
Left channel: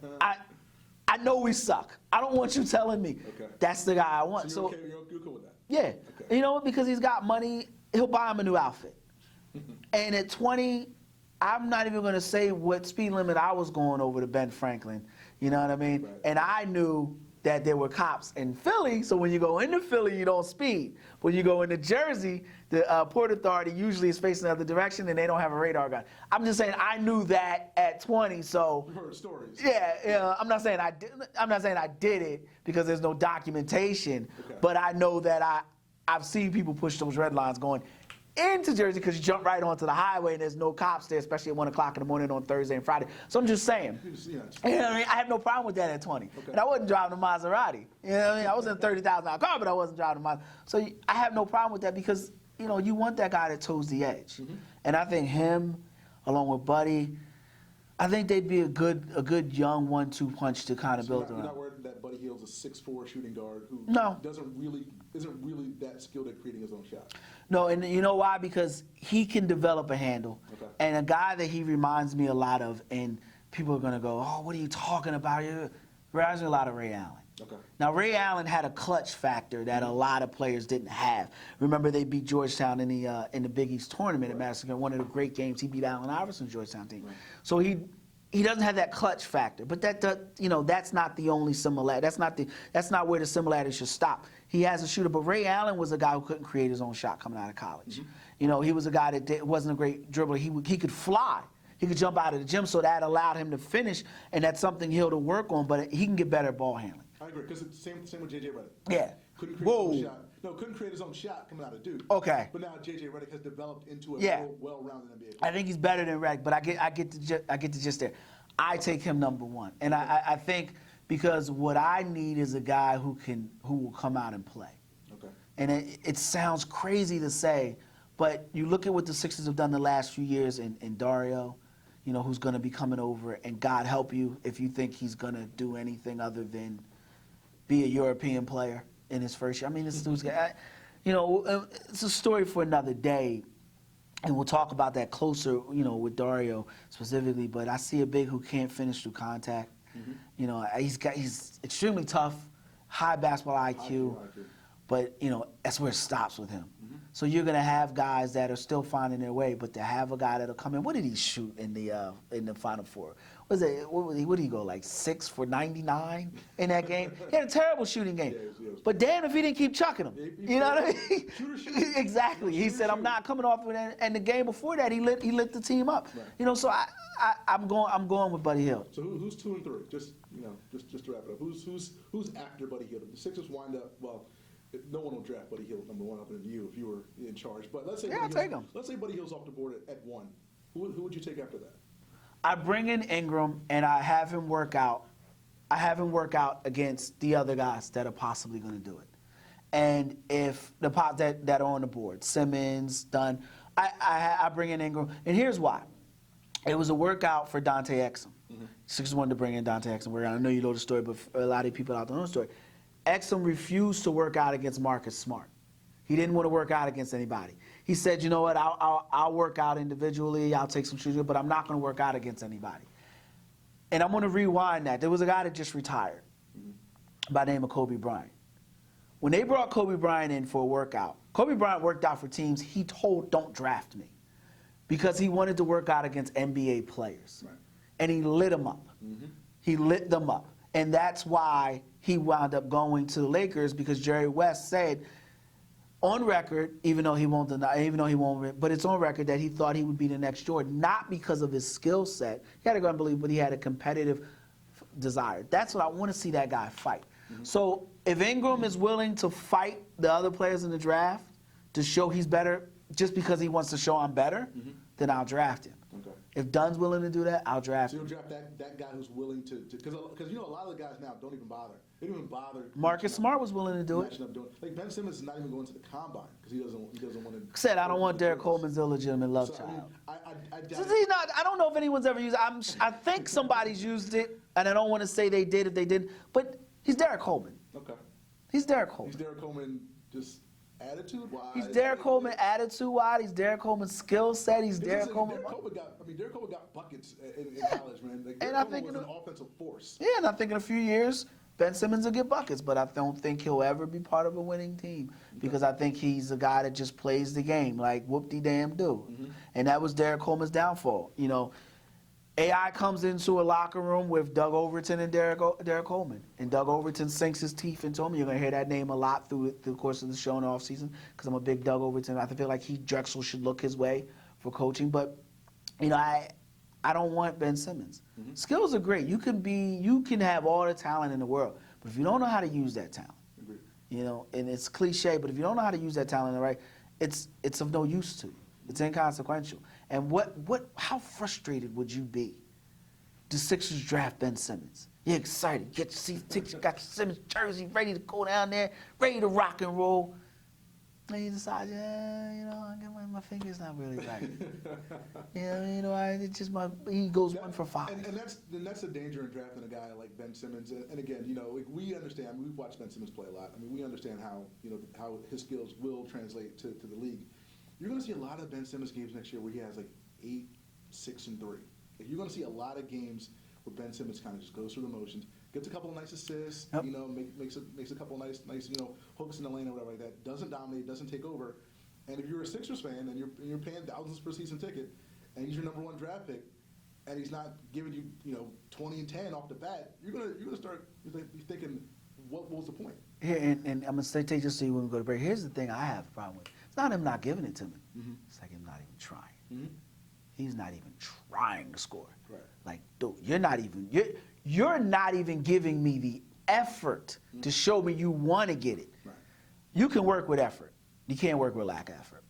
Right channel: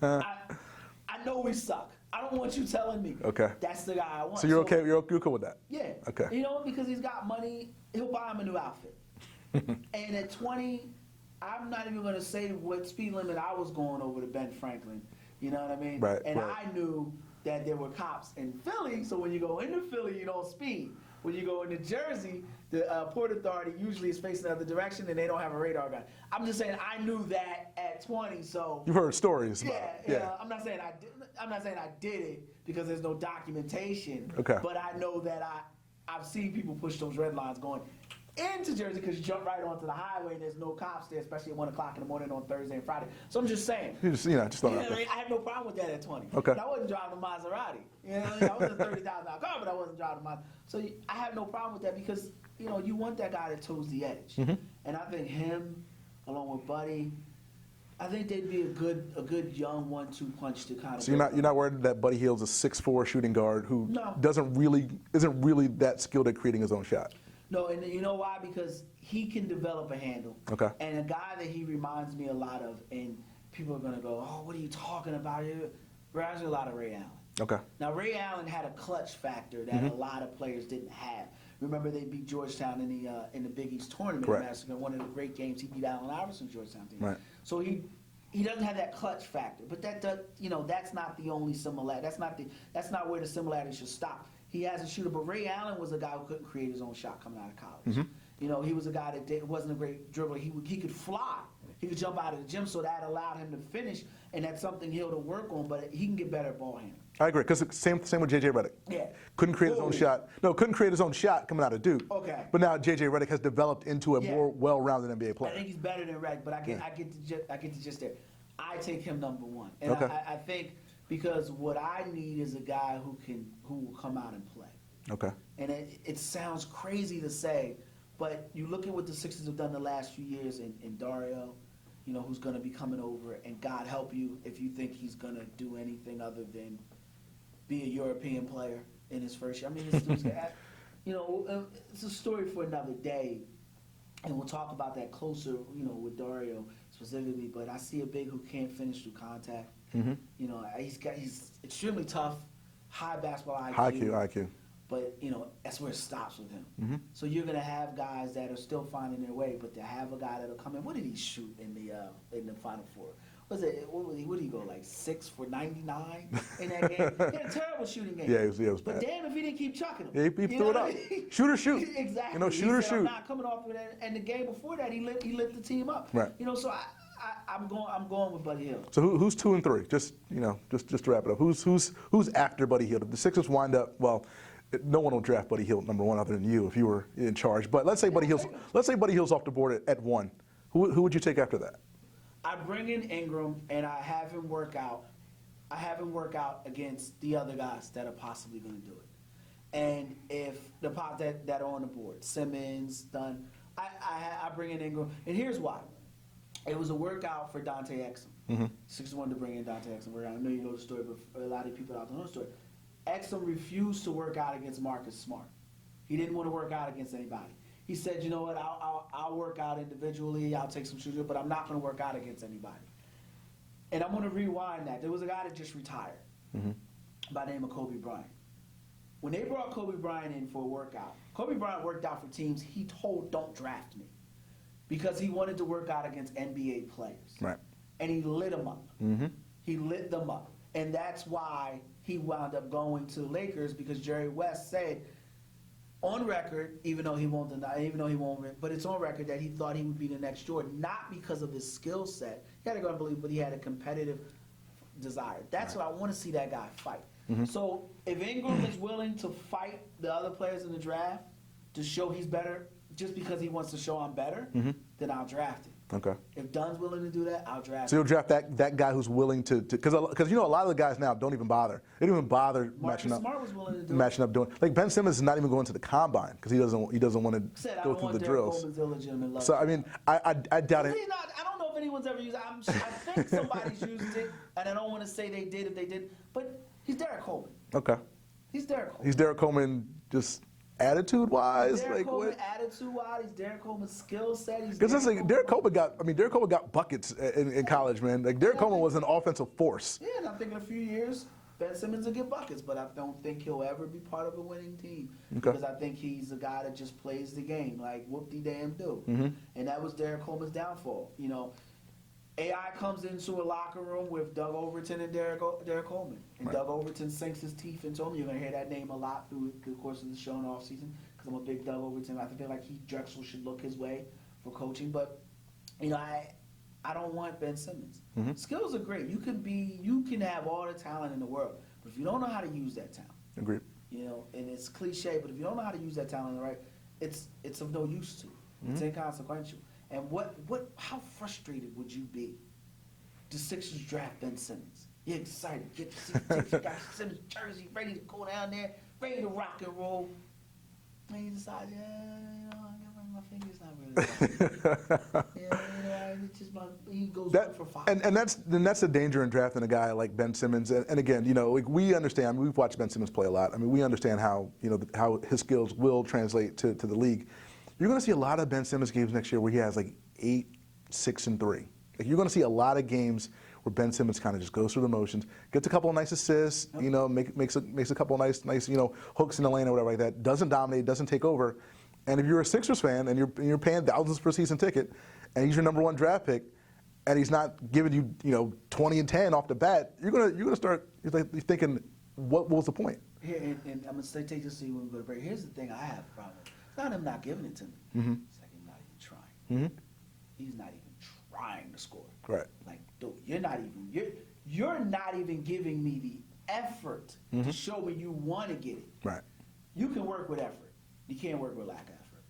I know we suck. I don't want you telling me. Okay. That's the guy I want. So you're okay? You're cool with that? Yeah. Okay. You know, because he's got money, he'll buy him a new outfit. And at 20, I'm not even going to say what speed limit I was going over to Ben Franklin. You know what I mean? Right, And right. I knew that there were cops in Philly, so when you go into Philly, you don't speed. When you go into Jersey, the Port Authority usually is facing the other direction, and they don't have a radar gun. I'm just saying I knew that at 20, so You've heard stories. yeah. I'm not saying I did it because there's no documentation. Okay. But I know that I've seen people push those red lines going into Jersey because you jump right onto the highway and there's no cops there, especially at 1 o'clock in the morning on Thursday and Friday. So I'm just saying. You just You know what I mean? I have no problem with that at 20. Okay. But I wasn't driving a Maserati. You know what I mean? I was in a $30,000 car, but I wasn't driving a Maserati. So I have no problem with that because, you know, you want that guy that toes the edge. And I think him, along with Buddy, I think they'd be a good young 1-2 punch to kind of. So you're not worried that Buddy Hield's a 6'4" shooting guard who No. isn't really that skilled at creating his own shot? No, and you know why? Because he can develop a handle. Okay. And a guy that he reminds me a lot of, and people are going to go, oh, what are you talking about? Reminds me a lot of Ray Allen. Okay. Now, Ray Allen had a clutch factor that a lot of players didn't have. Remember, they beat Georgetown in the Big East tournament. Correct. Massacre, one of the great games. He beat Allen Iverson's Georgetown team. Right. So he doesn't have that clutch factor. But that's not the only similarity. That's not where the similarity should stop. He has a shooter, but Ray Allen was a guy who couldn't create his own shot coming out of college. You know, he was a guy that wasn't a great dribbler. He could fly. He could jump out of the gym, so that allowed him to finish, and that's something he'll to work on. But he can get better at ball handling. I agree, because same with J.J. Redick. Yeah. Couldn't create his Whoa. own shot. No, couldn't create his own shot coming out of Duke. Okay. But now J.J. Redick has developed into a Yeah. more well-rounded NBA player. I think he's better than Redick, but I get to just there. I take him number 1, and Okay. I think because what I need is a guy who will come out and play. Okay. And it sounds crazy to say, but you look at what the Sixers have done the last few years in Dario, you know, who's going to be coming over, and God help you if you think he's going to do anything other than be a European player in his first year. I mean, this dude's, you know, it's a story for another day, and we'll talk about that closer, you know, with Dario specifically. But I see a big who can't finish through contact. You know, he's extremely tough. high basketball IQ. High IQ. But, that's where it stops with him. So you're going to have guys that are still finding their way, but to have a guy that'll come in. What did he shoot in the Final Four? What did he go, like 6 for 99 in that game? He had a terrible shooting game. Yeah, it was but bad. damn if he didn't keep chucking them. Yeah, he you know what I mean? Shoot or shoot. Exactly. Shoot he or said, shoot. I'm not coming off with it. And the game before that, he lit the team up. Right. So I'm going with Buddy Hield. So who's 2 and 3? Just to wrap it up. Who's after Buddy Hield? If the Sixers wind up, well, no one will draft Buddy Hield #1 other than you if you were in charge. But let's say Buddy Hield's off the board at 1. Who would you take after that? I bring in Ingram and I have him work out. I have him work out against the other guys that are possibly going to do it. And if the pop that are on the board, Simmons, Dunn, I bring in Ingram. And here's why. It was a workout for Dante Exum. Sixers wanted to bring in Dante Exum. I know you know the story, but a lot of people out there know the story. Exum refused to work out against Marcus Smart. He didn't want to work out against anybody. He said, you know what, I'll work out individually, I'll take some shooting, but I'm not going to work out against anybody. And I'm going to rewind that. There was a guy that just retired by the name of Kobe Bryant. When they brought Kobe Bryant in for a workout, Kobe Bryant worked out for teams he told, don't draft me, because he wanted to work out against NBA players. Right. And he lit them up. He lit them up. And that's why he wound up going to the Lakers, because Jerry West said, on record, even though he won't, but it's on record that he thought he would be the next Jordan, not because of his skill set. He had a gun belief, but he had a competitive desire. That's what I want to see that guy fight. So if Ingram is willing to fight the other players in the draft to show he's better, just because he wants to show I'm better, then I'll draft him. Okay. If Dunn's willing to do that, I'll draft So him. you'll draft that guy who's willing to because a lot of the guys now don't even bother. They don't even bother. Marcus Smart was willing to do matching up doing like Ben Simmons is not even going to the combine because he doesn't want to. Said I don't want Derek Coleman's illegitimate love. So I mean I doubt it. He's not, I don't know if anyone's ever used it. I think somebody's used it, and I don't want to say they did if they did, but he's Derek Coleman. Okay. He's Derek Coleman. He's Derek Coleman just attitude-wise. He's Derek Coleman attitude-wise. He's Derek Coleman's skill set. He's Because Derek Coleman. Derek Coleman got buckets in college, man. Like Derek Coleman was an offensive force. Yeah, and I think in a few years, Ben Simmons will get buckets, but I don't think he'll ever be part of a winning team because I think he's a guy that just plays the game like whoop-de-damn do. And that was Derek Coleman's downfall. AI comes into a locker room with Doug Overton and Derek Coleman. And Doug Overton sinks his teeth into him. You're going to hear that name a lot through the course of the show in the offseason because I'm a big Doug Overton. I feel like Drexel should look his way for coaching. But, I don't want Ben Simmons. Skills are great. You can have all the talent in the world. But if you don't know how to use that talent, Agreed. and it's cliche, but if you don't know how to use that talent right, it's of no use to you. It's inconsequential. And how frustrated would you be? The Sixers draft Ben Simmons. You're excited. Get your seat tickets. You got your Simmons jersey ready to go down there, ready to rock and roll. And you decide, my finger's not really right. It's just he goes 1 for 5. And that's the danger in drafting a guy like Ben Simmons. And again, we understand. We've watched Ben Simmons play a lot. I mean, we understand how how his skills will translate to the league. You're going to see a lot of Ben Simmons games next year where he has like 8, 6, and 3. Like you're going to see a lot of games where Ben Simmons kind of just goes through the motions, gets a couple of nice assists, makes a couple of nice hooks in the lane or whatever like that. Doesn't dominate, doesn't take over. And if you're a Sixers fan and you're paying thousands for a season ticket, and he's your #1 draft pick, and he's not giving you 20 and 10 off the bat, you're gonna start thinking, what was the point? Here and I'm gonna take this to you when we go to break. Here's the thing I have a problem with. It's not him not giving it to me. It's like him not even trying. He's not even trying to score. Right. Like, dude, you're not even giving me the effort to show me you want to get it. Right. You can work with effort. You can't work with lack of effort.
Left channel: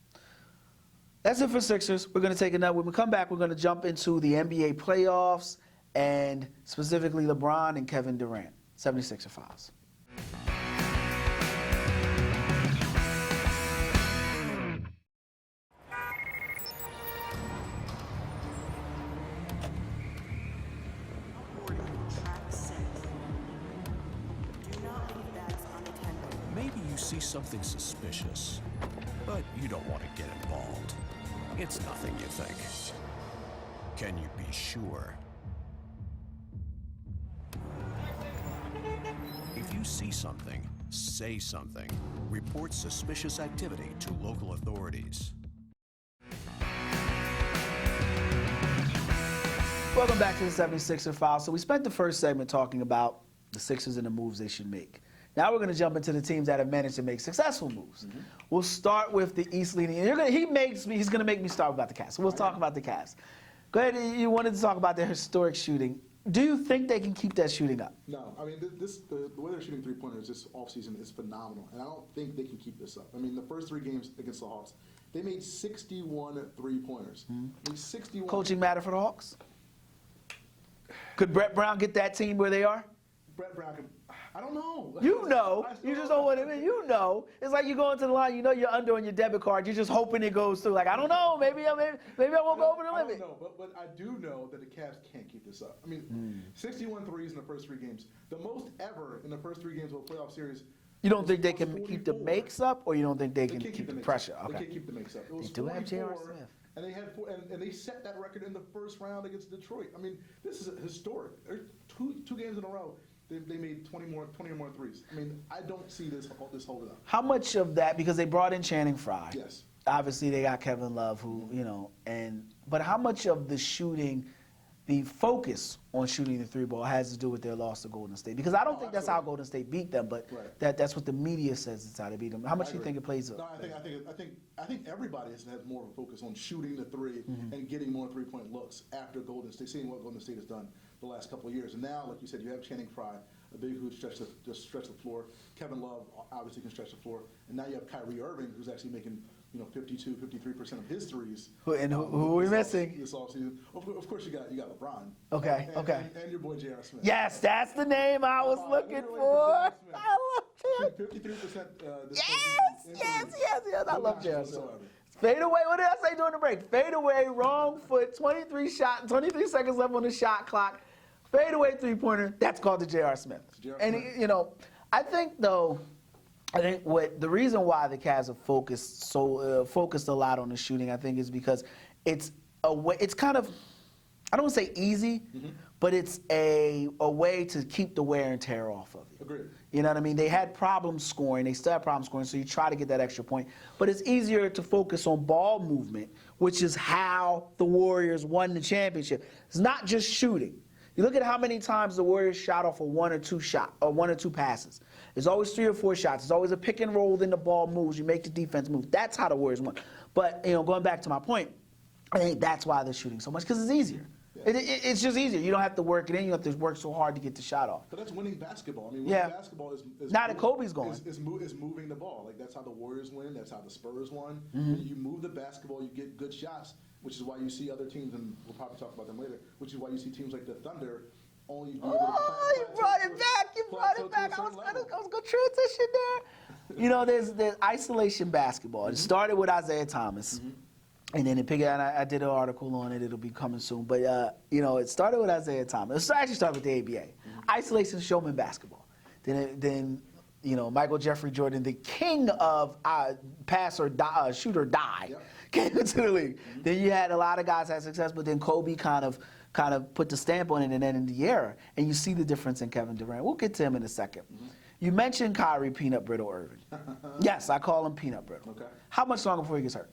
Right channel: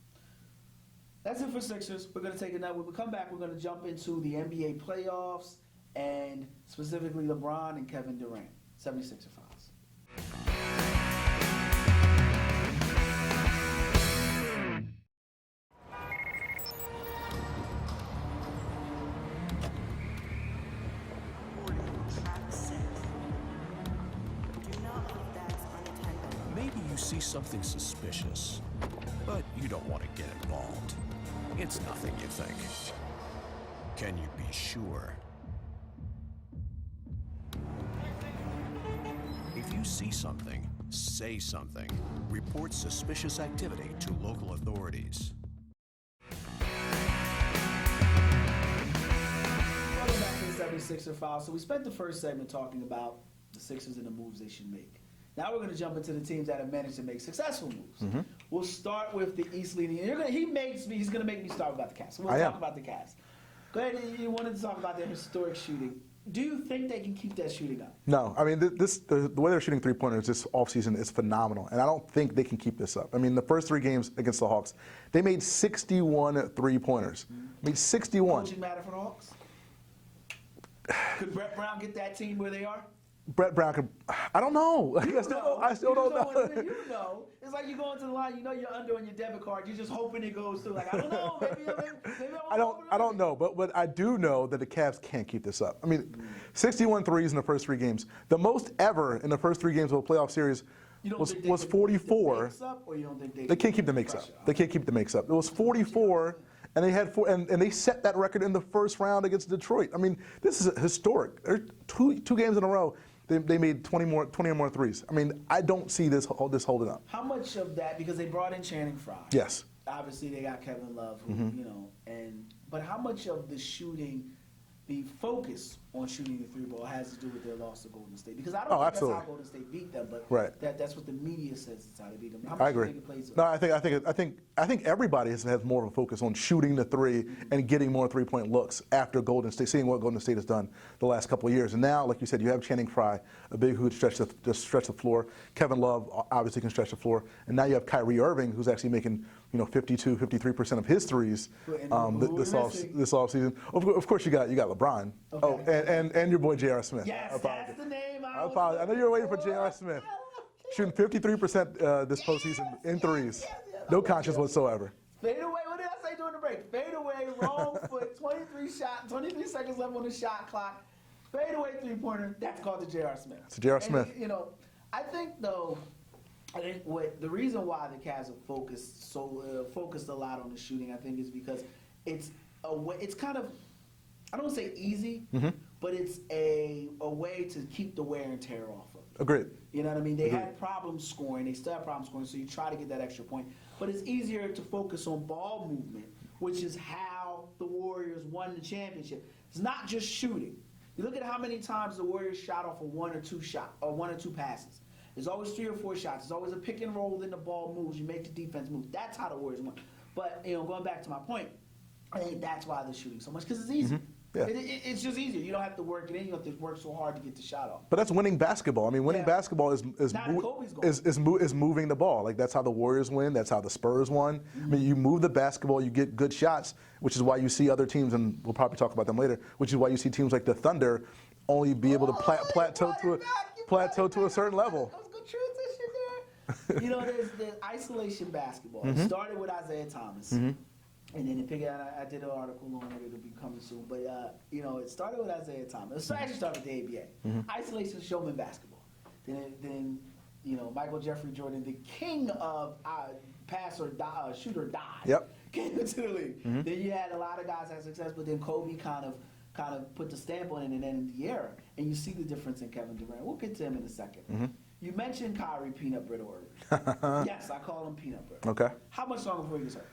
That's it for Sixers. We're going to take another. When we come back, we're going to jump into the NBA playoffs and specifically LeBron and Kevin Durant. 76er Files. Maybe you see something suspicious, but you don't want to get involved. It's nothing, you think. Can you be sure? If If you see something, say something. Report suspicious activity to local authorities. Welcome back to the 76er File. So we spent the first segment talking about the Sixers and the moves they should make. Now we're going to jump into the teams that have managed to make successful moves. We'll start with the East leading. He's going to make me start about the Cavs. So we'll talk about the Cavs. Go ahead. You wanted to talk about their historic shooting. Do you think they can keep that shooting up? No, I mean, the way they're shooting three-pointers this offseason is phenomenal, and I don't think they can keep this up. I mean, the first 3 games against the Hawks, they made 61 three-pointers. I mean, 61. Coaching matter for the Hawks? Could Brett Brown get that team where they are? Brett Brown could, I don't know. You know. I still You just don't don't know. want to, you know. It's like you go into the line, you know you're under on your debit card. You're just hoping it goes through. Like, I don't know. Maybe I won't open it. I don't know, but I do know that the Cavs can't keep this up. I mean, 61 threes in the first 3 games. The most ever in the first 3 games of a playoff series You don't think they was can 44. keep the makes up, or you don't think they can't keep the makes pressure? up. They can't keep the makes up. It was do have J.R. 44, Smith. and they had 4, and they set that record in the first round against Detroit. I mean, this is historic. They're two games in a row. They made 20 or more threes. I mean, I don't see this holding up. How much of that, because they brought in Channing Frye. Yes. Obviously, they got Kevin Love, who, but how much of the shooting, the focus on shooting the 3-ball has to do with their loss to Golden State? Because I don't think that's how absolutely. Golden State beat them, but Right. that's what the media says it's how they beat them. How much I do you agree. think it plays? No, I think everybody has more of a focus on shooting the 3 and getting more 3-point looks after Golden State, seeing what Golden State has done the last couple of years. And now, like you said, you have Channing Frye, a big who stretch the floor. Kevin Love obviously can stretch the floor, and now you have Kyrie Irving, who's actually making 52, 53% of his threes Who we're missing. this offseason. Of course, you got LeBron. Okay, And your boy J.R. Smith. Yes, that's the name I was I looking know you were waiting for J.R. Smith. I love Shooting 53% this postseason in threes. yes, I No love conscience J.R. whatsoever. Fade away. What did I say during the break? Fade away, wrong foot, 23 seconds left on the shot clock. Fade away 3-pointer. That's called the J.R. Smith. It's J.R. And, Smith. I think the reason why the Cavs have focused a lot on the shooting, I think, is because it's kind of, I don't want to say easy, but it's a way to keep the wear and tear off of you. Agreed. You know what I mean? They had problems scoring. They still have problems scoring, so you try to get that extra point. But it's easier to focus on ball movement, which is how the Warriors won the championship. It's not just shooting. You look at how many times the Warriors shot off a 1 or 2 passes. There's always 3 or 4 shots. There's always a pick and roll, then the ball moves. You make the defense move. That's how the Warriors won. But going back to my point, I think that's why they're shooting so much, because it's easier. Yeah. It's just easier. You don't have to work it in. You don't have to work so hard to get the shot off. But that's winning basketball. I mean, winning basketball is Not if Kobe's gone. is moving the ball. Like, that's how the Warriors win. That's how the Spurs won. I mean, you move the basketball, you get good shots, which is why you see other teams, and we'll probably talk about them later, which is why you see teams like the Thunder only be able to plateau to a certain level. I was going to transition there. There's isolation basketball. It started with Isaiah Thomas. And then I did an article on it. It'll be coming soon. But, it started with Isaiah Thomas. It actually started with the ABA. Isolation showman basketball. Then Michael Jeffrey Jordan, the king of shoot or die, came into the league. Then you had a lot of guys have success, but then Kobe kind of put the stamp on it and then in the era. And you see the difference in Kevin Durant. We'll get to him in a second. You mentioned Kyrie Peanut Brittle Irving. Yes, I call him Peanut Brittle. Okay. How much longer before he gets hurt?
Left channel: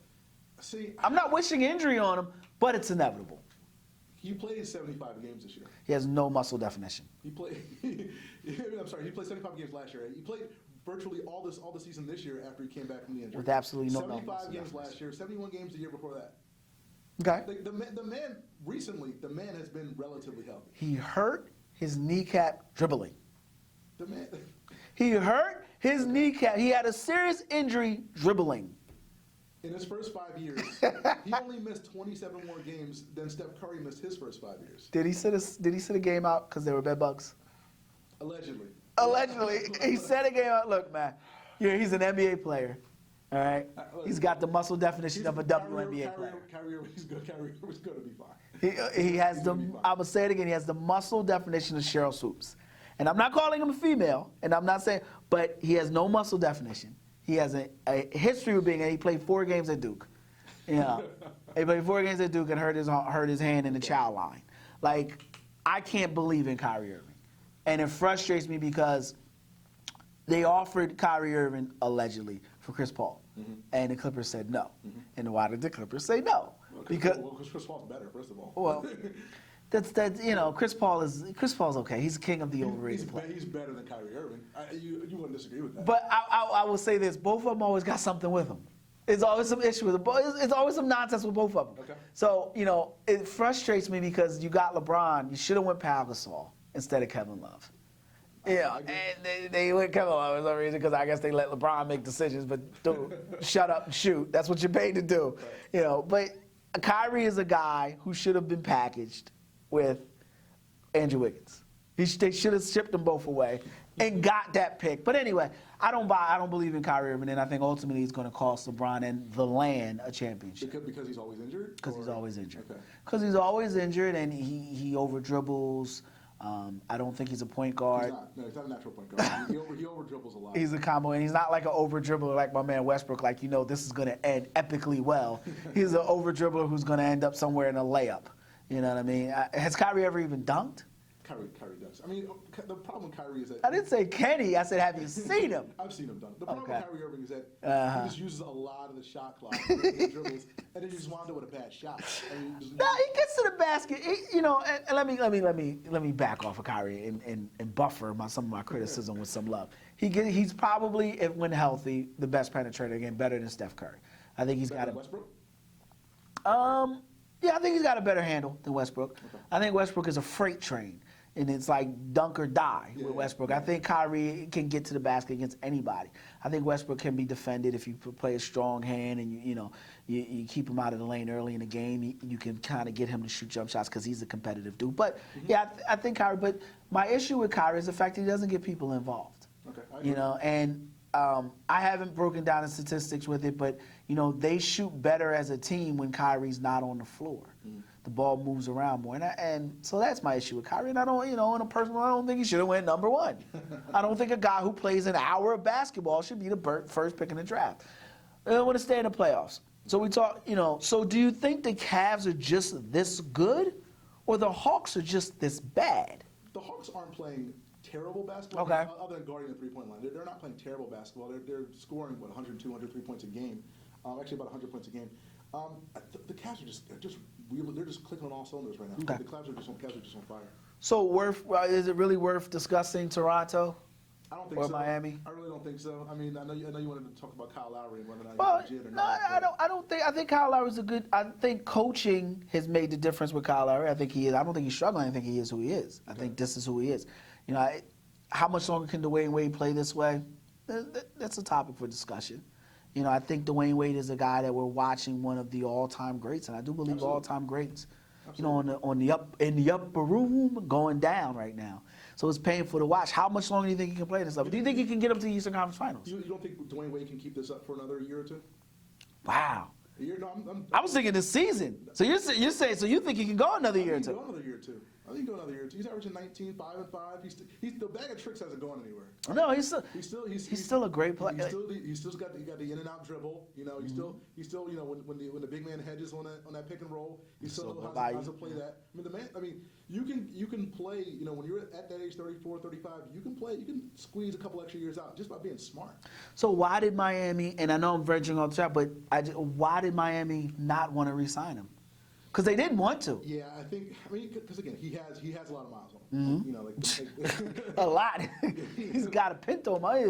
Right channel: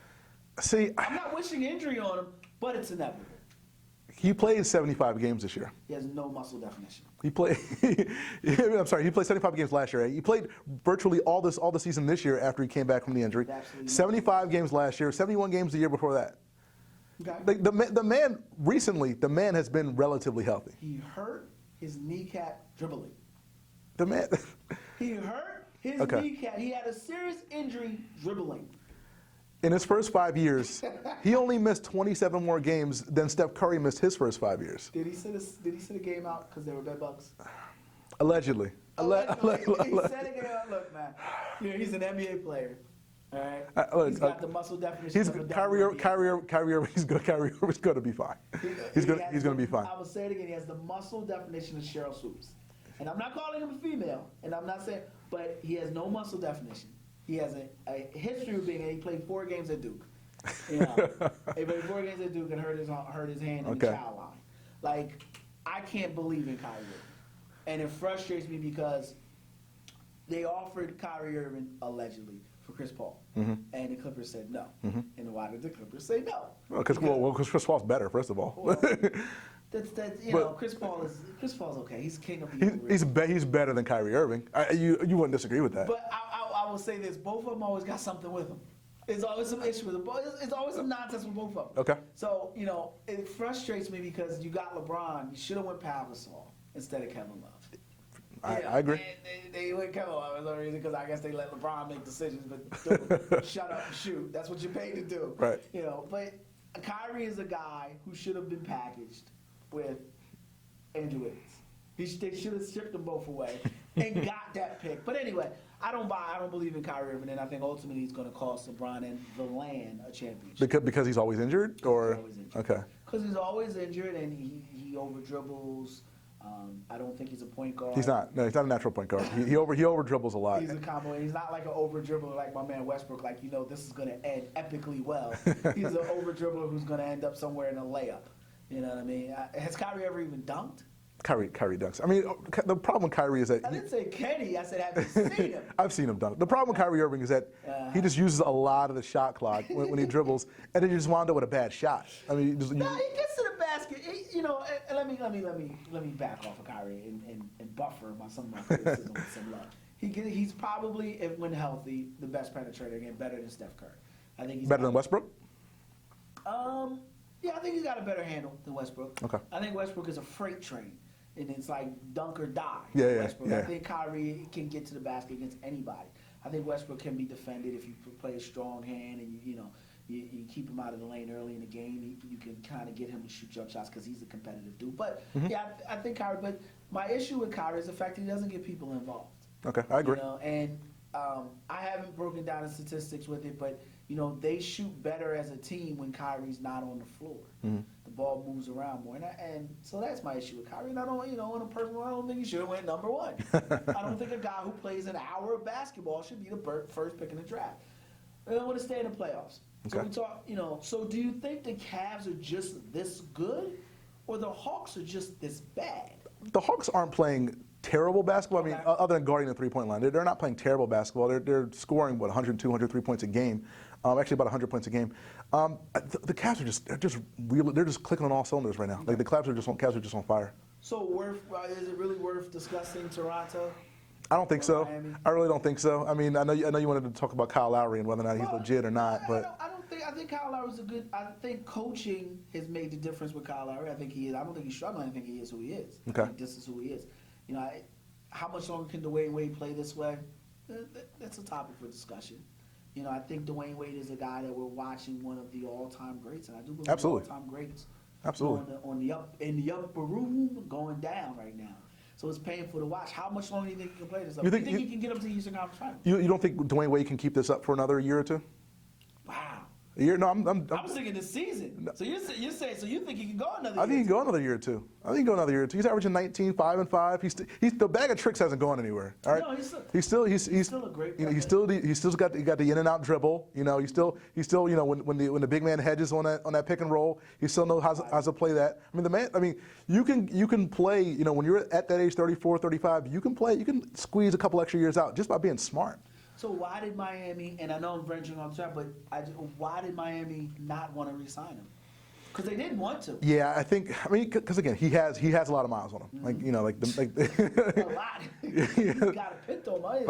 See, I'm not wishing injury on him, but it's inevitable. he played 75 games this year. He has no muscle definition. He played. I'm sorry. He played 75 games last year. He played virtually all the season this year after he came back from the injury. With absolutely no 75 games last year. 71 games the year before that. Okay. The man has been relatively healthy. He hurt his kneecap dribbling. The man. He hurt his kneecap. He had a serious injury dribbling. In his first 5 years, he only missed 27 more games than Steph Curry missed his first 5 years. Did he sit a game out because there were bed bugs? Allegedly. Allegedly. He set a game out. Look, man, he's an NBA player. All right? He's got the muscle definition of a WNBA. Kyrie Irving's good. Kyrie Irving's going to be fine. He's going to be fine. I will say it again. He has the muscle definition of Cheryl Swoops. And I'm not calling him a female, and I'm not saying, but he has no muscle definition. He has a history of being, and he played 4 games at Duke. He played 4 games at Duke and hurt his hand in the child line. Like, I can't believe in Kyrie Irving. And it frustrates me because they offered Kyrie Irving allegedly for Chris Paul, and the Clippers said no. And why did the Clippers say no? Because Chris Paul's better, first of all. Well, Chris Paul's okay. He's king of the overrated. He's better than Kyrie Irving. You wouldn't disagree with that. But I will say this: both of them always got something with them. There's always some issue with them. It's always some nonsense with both of them. Okay. So it frustrates me because you got LeBron. You should have went Pau Gasol instead of Kevin Love. I agree. And they went Kevin Love for some reason because I guess they let LeBron make decisions. But dude, shut up and shoot. That's what you're paid to do. Right. But Kyrie is a guy who should have been packaged with Andrew Wiggins. They should have shipped them both away and got that pick. But anyway, I don't believe in Kyrie Irving, and I think ultimately it's going to cost LeBron and the land a championship. Because he's always injured? He's always injured. Okay. Because he's always injured, and he over dribbles. I don't think he's a point guard. He's not. No, he's not a natural point guard. he over dribbles a lot. He's a combo, and he's not like an over dribbler like my man Westbrook. Like this is going to end epically well. He's an over dribbler who's going to end up somewhere in a layup. You know what I mean? Has Kyrie ever even dunked? Kyrie dunks. I mean, the problem with Kyrie is that I didn't say Kenny. I said, have you seen him? I've seen him dunk. The problem with Kyrie Irving is that he just uses a lot of the shot clock when he dribbles, and then you just wind up with a bad shot. I mean, No, he gets to the basket. And let me back off of Kyrie and buffer some of my criticism with some love. He's probably, when healthy, the best penetrator again, better than Steph Curry. I think he's better than Westbrook. Yeah, I think he's got a better handle than Westbrook. Okay. I think Westbrook is a freight train, and it's like dunk or die for Westbrook. I think Kyrie can get to the basket against anybody. I think Westbrook can be defended if you play a strong hand and you keep him out of the lane early in the game. You can kind of get him to shoot jump shots because he's a competitive dude. But I think Kyrie. But my issue with Kyrie is the fact that he doesn't get people involved. Okay, I agree. I haven't broken down the statistics with it, but they shoot better as a team when Kyrie's not on the floor. The ball moves around more, and so that's my issue with Kyrie. And I don't, in a personal, I don't think he should have went number one. I don't think a guy who plays an hour of basketball should be the first pick in the draft. I want to stay in the playoffs. So we talk, So do you think the Cavs are just this good, or the Hawks are just this bad? The Hawks aren't playing terrible basketball. Okay. I mean, other than guarding the three-point line, they're not playing terrible basketball. They're scoring 102, 103 points a game. Actually, about 100 points a game. The Cavs they're just clicking on all cylinders right now. Okay. Like, the Cavs are just on fire. So is it really worth discussing Toronto? I don't think or so. Miami? I really don't think so. I mean, I know you wanted to talk about Kyle Lowry and whether or not he's legit or not. I think Kyle Lowry's a good. I think coaching has made the difference with Kyle Lowry. I think he is. I don't think he's struggling. I think he is who he is. Okay. I think this is who he is. How much longer can Dwayne Wade play this way? That's a topic for discussion. I think Dwayne Wade is a guy that we're watching, one of the all-time greats, and I do believe Absolutely. all-time greats. Absolutely. In the upper room, going down right now. So it's painful to watch. How much longer do you think he can play this up? Do you think he can get up to the Eastern Conference Finals? You don't think Dwayne Wade can keep this up for another year or two? Wow. A year? No, I was thinking this season. So you're saying, so you think he can go another year? I think he can go another year or two. He's averaging 19, 5 and 5. He's the bag of tricks hasn't gone anywhere. All right? No, he's still a great player. He's still got the in and out dribble. He's still when the big man hedges on that pick and roll, he still knows how to play that. I mean the man. I mean you can play. When you're at that age, 34, 35, you can play. You can squeeze a couple extra years out just by being smart. So why did Miami? And I know I'm verging on the track, but why did Miami not want to re-sign him? Because they didn't want to. Yeah, because again, he has a lot of miles on him. A lot. He's got a Pinto. What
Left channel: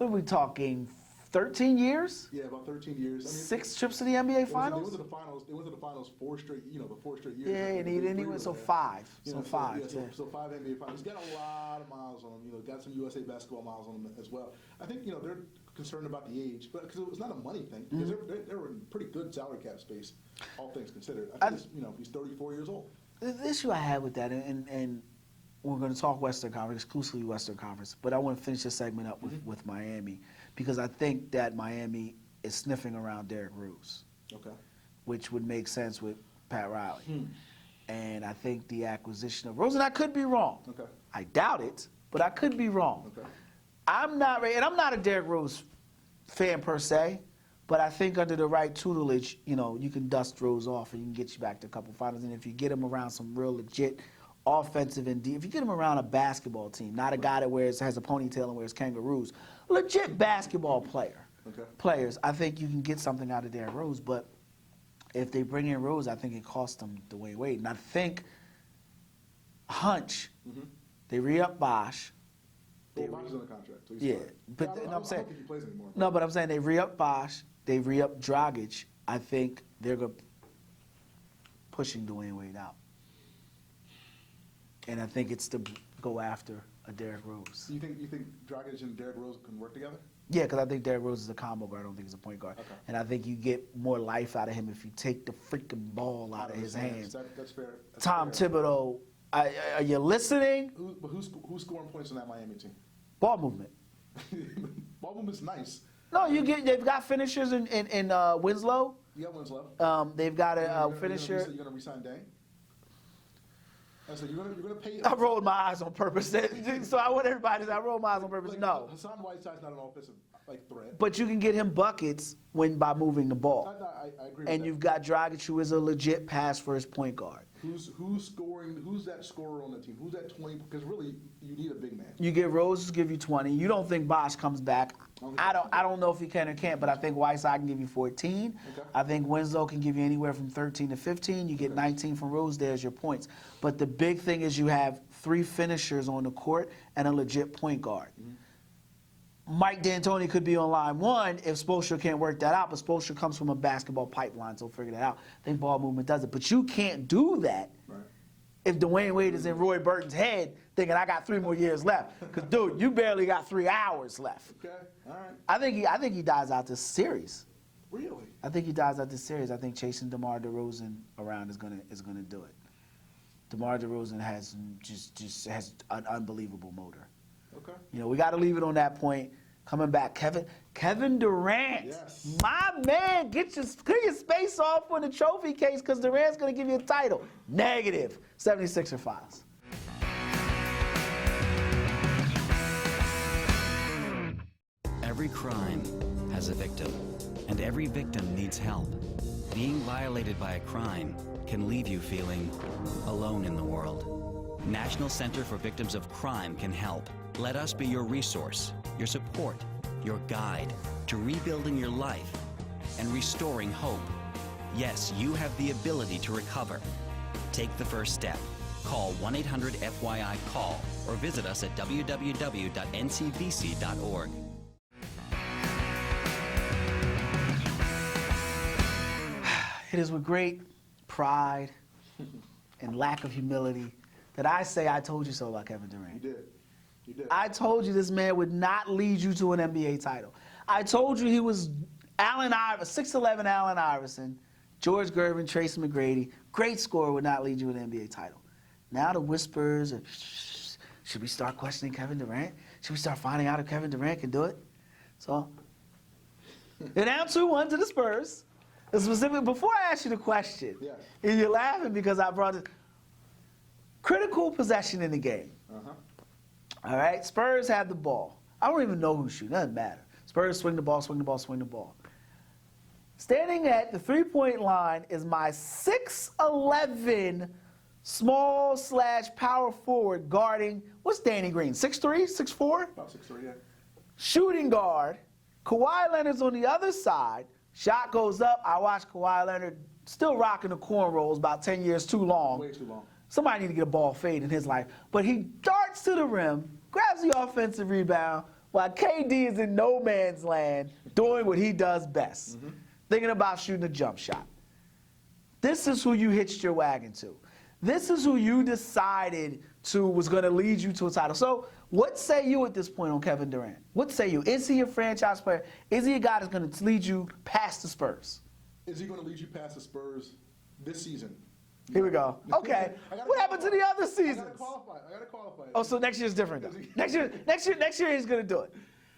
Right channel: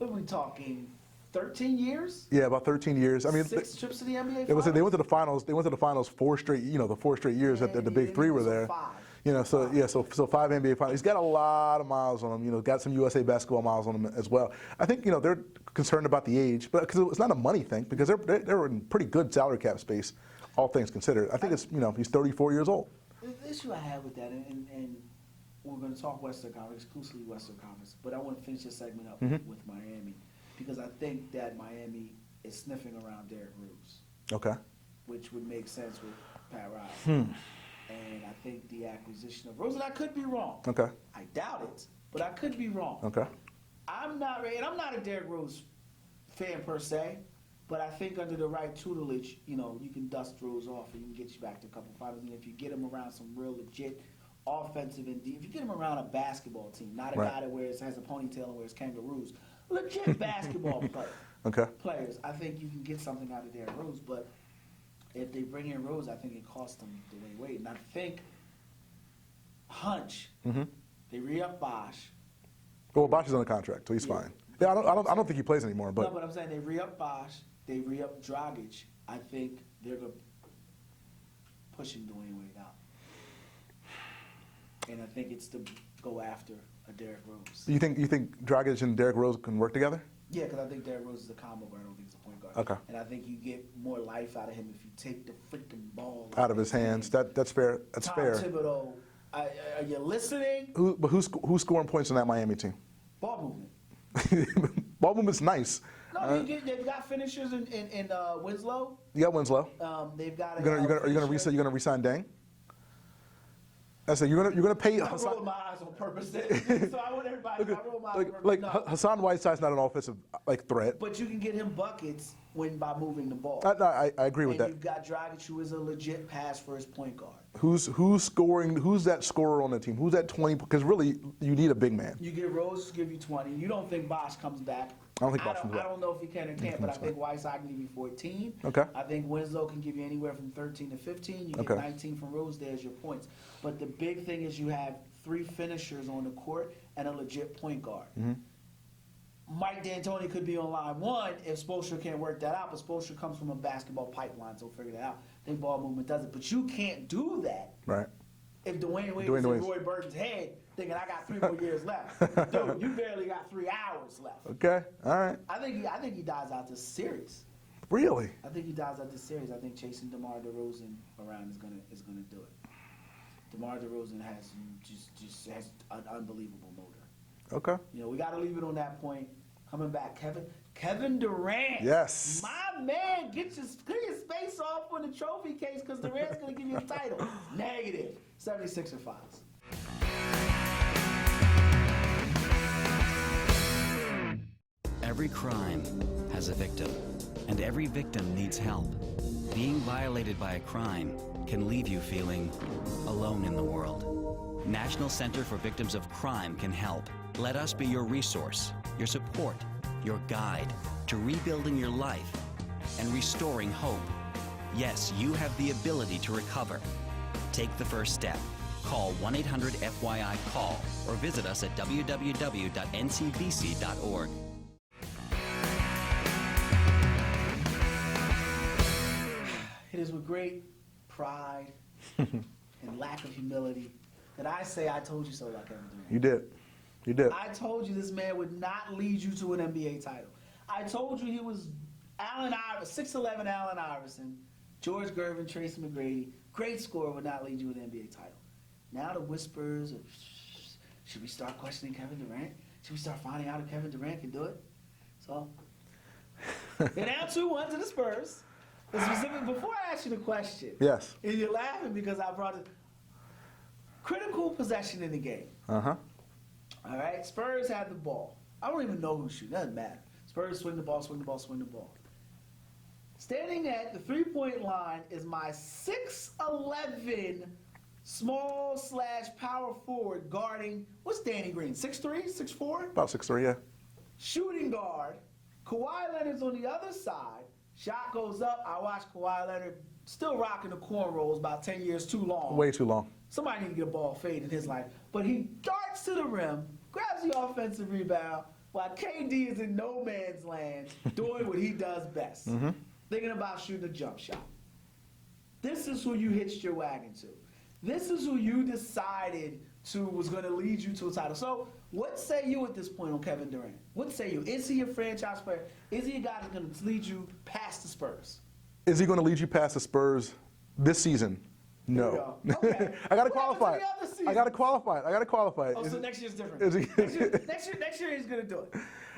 are we talking? 13 years? Yeah, about 13 years. I mean, 6 trips to the NBA Finals. They went to the finals. They went to the finals 4 straight. The 4 straight years that the big three were there. 5. So 5 NBA finals. He's got a lot of miles on him. Got some USA basketball miles on him as well. I think they're concerned about the age, but because it's not a money thing, because they're in pretty good salary cap space, all things considered. I think it's he's 34 years old. The issue I had with that, and we're going to talk Western Conference, exclusively Western Conference, but I want to finish this segment up with Miami, because I think that Miami is sniffing around Derrick Rose. Okay. Which would make sense with Pat Riley. And I think the acquisition of Rose, and I could be wrong. Okay. I doubt it, but I could be wrong. Okay. I'm not a Derrick Rose fan per se, but I think under the right tutelage, you can dust Rose off and you can get you back to a couple finals. And if you get him around some real legit offensive and if you get him around a basketball team, not a guy that has a ponytail and wears kangaroos, legit basketball players, I think you can get something out of Derrick Rose. But if they bring in Rose, I think it costs them Dwayne Wade. And I think they re-up Bosh. Well, Bosh is on a contract, so he's fine. Yeah, I don't think he plays anymore. But. No, but I'm saying they re-up Bosh, they re-up Dragic. I think they're pushing Dwayne Wade out. And I think it's to go after a Derrick Rose. You think Dragic and Derrick Rose can work together? Yeah, because I think Derrick Rose is a combo guard. I don't think he's a point guard. Okay. And I think you get more life out of him if you take the freaking ball out of his hands. That's fair. That's Tom fair. Thibodeau, are you listening? Who's scoring points on that Miami team? Ball movement. Ball movement's nice. No, they've got finishers in Winslow. You got Winslow. They've got You're gonna resign Deng? I said you're gonna pay. I rolled my eyes on purpose, so I want everybody to. I rolled my eyes on purpose. No. Hassan Whiteside's not an offensive threat. But you can get him buckets by moving the ball. I agree with that. And you've got Dragic, who is a legit pass-first point guard. Who's scoring? Who's that scorer on the team? Who's that 20? Because really, you need a big man. You get Rose to give you 20. You don't think Bosh comes back. I don't know if he can or can't, but I think Whiteside can give you 14. Okay. I think Winslow can give you anywhere from 13 to 15. You get 19 from Rose. There's your points. But the big thing is you have 3 finishers on the court and a legit point guard. Mike D'Antoni could be on line 1 if Spoelstra can't work that out, but Spoelstra comes from a basketball pipeline, so figure that out. I think ball movement does it. But you can't do that if Dwayne Wade is in Roy Burton's head thinking, I got 3 more years left. 'Cause, dude, you barely got 3 hours left. Okay, all right. I think he dies out this series. Really? I think he dies out this series. I think chasing DeMar DeRozan around is gonna do it. DeMar DeRozan has just has an unbelievable motor. Okay. You know, we got to leave it on that point. Coming back, Kevin Durant. Yes. My man, clear your space off on the trophy case because Durant's going to give you a title. Negative. 76er files. Every crime has a victim, and every victim needs help. Being violated by a crime can leave you feeling alone in the world. National Center for Victims of Crime can help. Let us be your resource, your support, your guide to rebuilding your life and restoring hope. Yes, you have the ability to recover. Take the first step. Call 1-800-FYI-CALL or visit us at www.ncbc.org. It is with great pride and lack of humility that I say I told you so about Kevin Durant. You did. You did. I told you this man would not lead you to an NBA title. I told you he was 6'11" Allen Iverson, George Gervin, Tracy McGrady, great scorer, would not lead you to an NBA title. Now the whispers are, should we start questioning Kevin Durant? Should we start finding out if Kevin Durant can do it? So, they're down 2-1 to the Spurs. Specifically, before I ask you the question, yes, and you're laughing because I brought it. Critical possession in the game. All right, Spurs have the ball. I don't even know who's shooting. Doesn't matter. Spurs swing the ball, swing the ball, swing the ball. Standing at the three-point line is my 6'11" small/power forward guarding. What's Danny Green? 6'3", 6'4"? About 6'3", yeah. Shooting guard. Kawhi Leonard's on the other side. Shot goes up. I watch Kawhi Leonard still rocking the cornrows, about 10 years too long. Way too long. Somebody need to get a ball fade in his life. But he darts to the rim, grabs the offensive rebound, while KD is in no man's land doing what he does best, thinking about shooting a jump shot. This is who you hitched your wagon to. This is who you decided was going to lead you to a title. So what say you at this point on Kevin Durant? What say you? Is he a franchise player? Is he a guy that's going to lead you past the Spurs? Is he going to lead you past the Spurs this season? No. Here we go. Okay. What happened to the other season? I got to qualify it. Oh, so next year's different. Next year he's going to do it.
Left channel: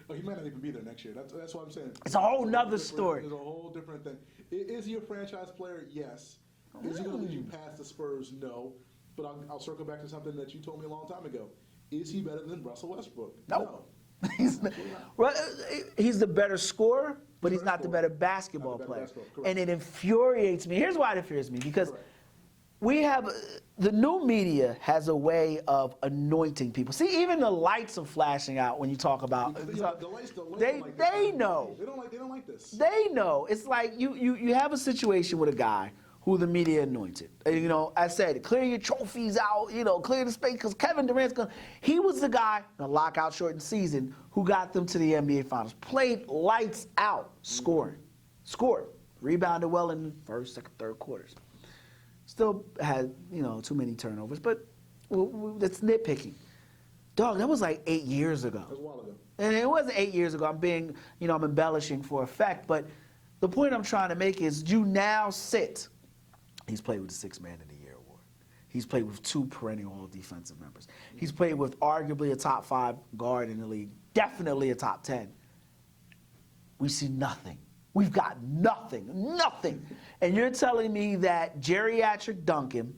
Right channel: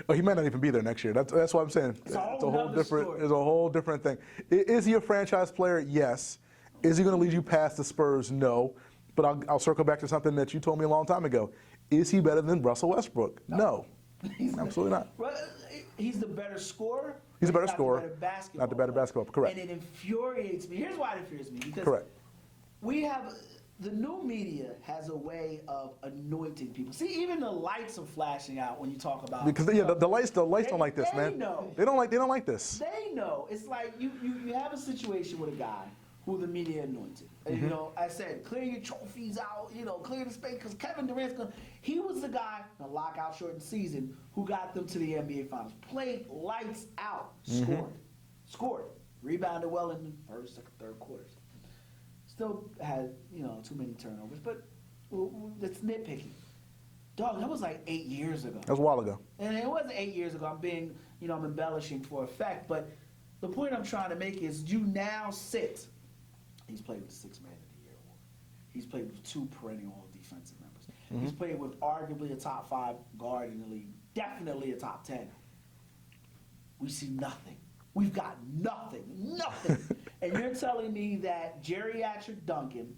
Oh, he might not even be there next year. That's what I'm saying. It's a whole nother story. It's a whole different thing. Is he a franchise player? Yes. Is he going to lead you past the Spurs? No. But I'll circle back to something that you told me a long time ago. Is he better than Russell Westbrook? No. Absolutely not. He's the better scorer, but he's not the better basketball Not the better player. basketball, correct. And it infuriates me. Here's why it infuriates me. Because correct. we have the new media has a way of anointing people. See, even the lights are flashing out when you talk about Because the lights don't like this, they man. know. They don't like this. They know. It's like you have a situation with a guy who the media anointed. Mm-hmm. You know, I said, clear your trophies out, clear the space, because Kevin Durant's he was the guy in the lockout shortened season who got them to the NBA Finals. Played lights out, scored, rebounded well in the first, second, third quarters. Still had, too many turnovers, but it's nitpicking. Dog, that was like 8 years ago. That was a while ago. And it wasn't 8 years ago. I'm being, I'm embellishing for effect. But the point I'm trying to make is you now sit. He's played with the Sixth Man of the Year award. He's played with 2 perennial All Defensive members. He's played with arguably a top 5 guard in the league, definitely a top 10. We see nothing. We've got nothing. And you're telling me that geriatric Duncan,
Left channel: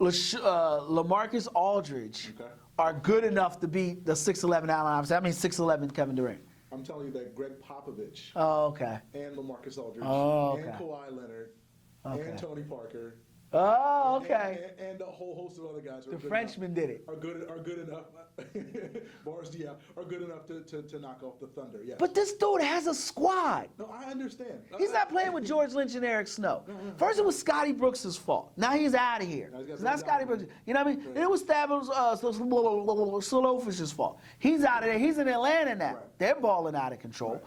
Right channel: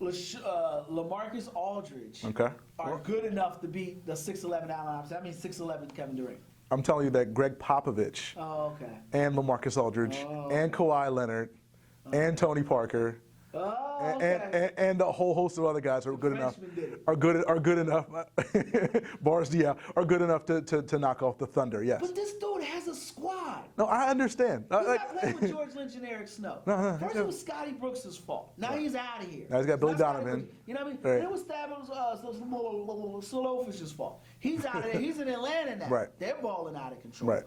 LaMarcus Aldridge are good enough to beat the 6'11 Allen Iverson. I mean 6'11 Kevin Durant. I'm telling you that Greg Popovich and LaMarcus Aldridge and Kawhi Leonard and Tony Parker and a whole host of other guys are good enough. Frenchman did it. Are good enough. Boris Diaw are good enough to knock off the Thunder. Yes. But this dude has a squad. No, I understand. He's not playing with George Lynch and Eric Snow. First, it was Scotty Brooks' fault. Now he's out of here. Now he's got It's Billy not Scotty Donovan. Brooks. You know what I mean? Right. And it was Slowfish's fault. He's out of there. He's in Atlanta now. Right. They're balling out of control. Right.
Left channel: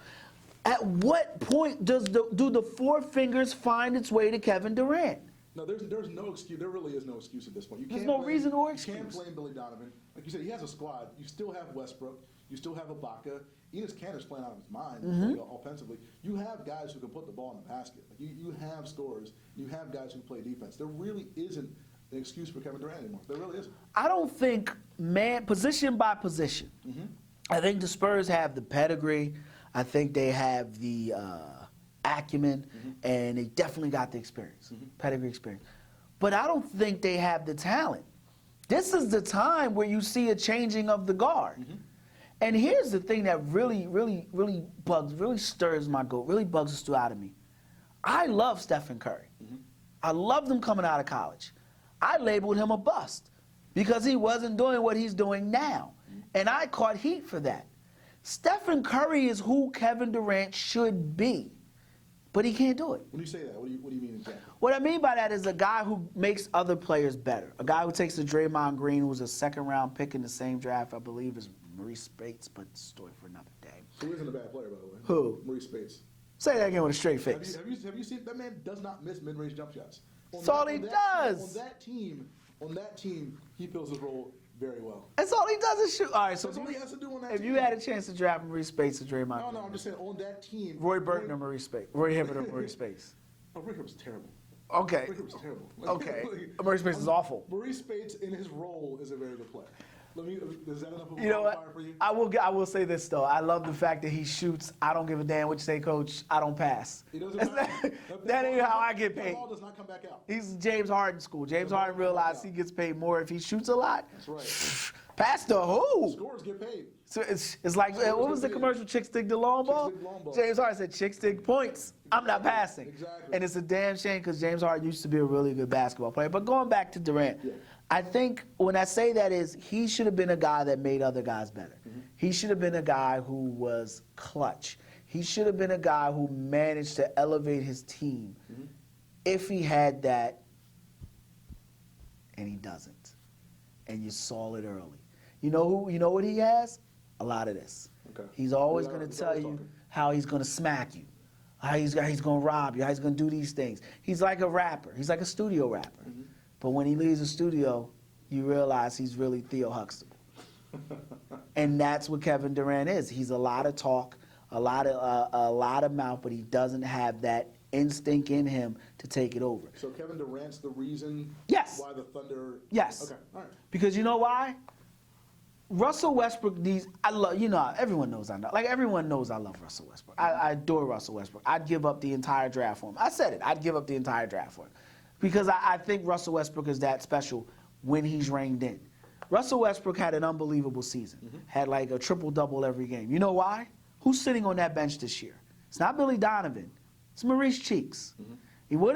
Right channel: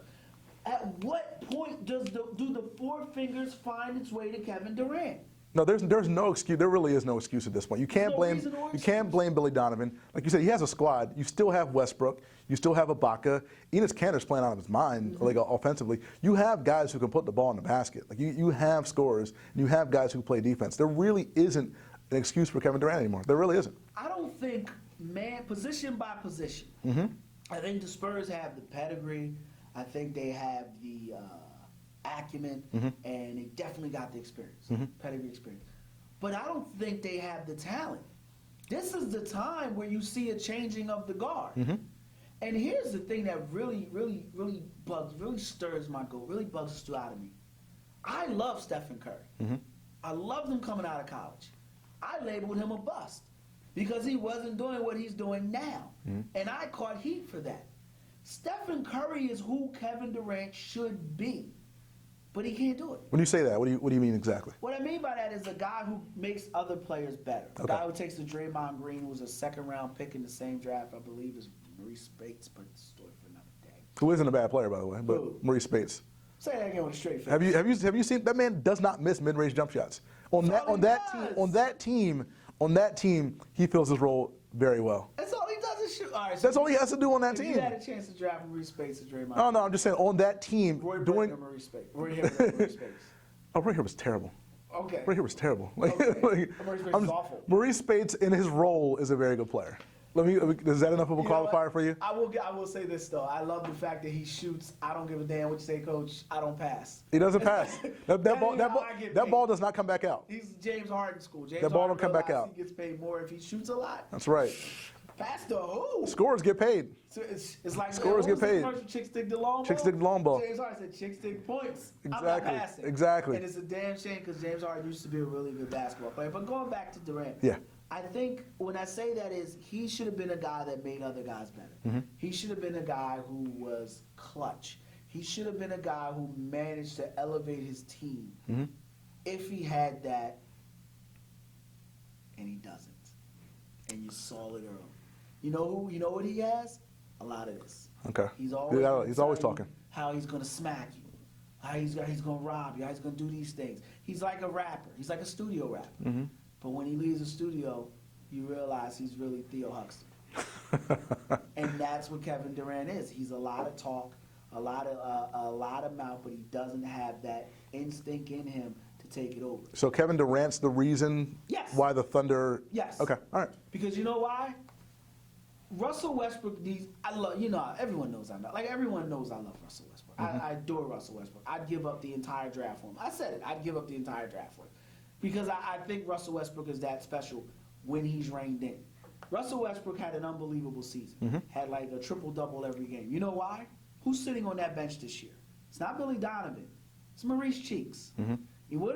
At what point do the 4 fingers find its way to Kevin Durant? No, there's no excuse. There really is no excuse at this point. You can't no reason or You can't excuse. blame Billy Donovan. Like you said, he has a squad. You still have Westbrook. You still have Ibaka. Enes Kanter's playing out of his mind, like offensively. You have guys who can put the ball in the basket. Like you have scorers. You have guys who play defense. There really isn't an excuse for Kevin Durant anymore. There really isn't. I don't think, position by position. I think the Spurs have the pedigree. I think they have the acumen, and they definitely got the experience, pedigree experience. But I don't think they have the talent. This is the time where you see a changing of the guard. And here's the thing that really stirs my goat, really bugs the stew out of me. I love Stephen Curry. I loved him coming out of college. I labeled him a bust because he wasn't doing what he's doing now. And I caught heat for that. Stephen Curry is who Kevin Durant should be, but he can't do it. When you say that, what do you mean exactly? What I mean by that is a guy who makes other players better. A guy who takes the Draymond Green, who's a second-round pick in the same draft, I believe, is Maurice Spates, but story for another day. Who isn't a bad player, by the way? Who? Maurice Spates. Say that again with a straight face. Have you seen that man does not miss mid-range jump shots. On That's all he does. On that team, he fills his role very well. That's all he does is shoot. All right, so That's all he has to do on that if team. you had a chance to draft Maurice Spates or Draymond Oh no, I'm just saying on that team. Roy Burton or Maurice Spates? Roy Hibbert or Maurice Spates? Oh, Roy Hibbert was terrible. Okay. Roy Hibbert was terrible. Okay. Maurice Spates is awful. Maurice Spates in his role is a very good player. Is that enough of a You know what? qualifier for you? I will say this though. I love the fact that he shoots. I don't give a damn what you say, Coach. I don't pass. He doesn't pass. That ball paid. does not come back out. He's James Harden school. James That ball Harden don't come back realizes out. he gets paid more if he shoots a lot. That's right. Pass the who? Scorers get paid. So it's like Scorers what was get the paid. commercial? Chicks dig the long ball. Chicks dig the long ball. James Harden said, "Chicks dig points. I'm not Exactly. passing." Exactly. And it's a damn shame because James Harden used to be a really good basketball player. But going back to Durant, Yeah. I think when I say that is he should have been a guy that made other guys better. He should have been a guy who was clutch. He should have been a guy who managed to elevate his team. If he had that, and he doesn't, and you saw it early. You know what he has? A lot of this. Okay. He's always Yeah, going to he's tell always you talking. how he's going to smack you, how he's going to rob you, how he's going to do these things. He's like a rapper. He's like a studio rapper. But when he leaves the studio, you realize he's really Theo Huxtable. And that's what Kevin Durant is. He's a lot of talk, a lot of mouth, but he doesn't have that instinct in him to take it over. So Kevin Durant's the reason Yes. why the Thunder. Yes. Okay. All right. Because you know why? Russell Westbrook needs. Everyone knows everyone knows I love Russell Westbrook. I adore Russell Westbrook. I'd give up the entire draft for him. I said it. I'd give up the entire draft for him because I think Russell Westbrook is that special when he's reined in. Russell Westbrook had an unbelievable season. Had like a triple-double every game. You know why? Who's sitting on that bench this year? It's not Billy Donovan. It's Maurice Cheeks. What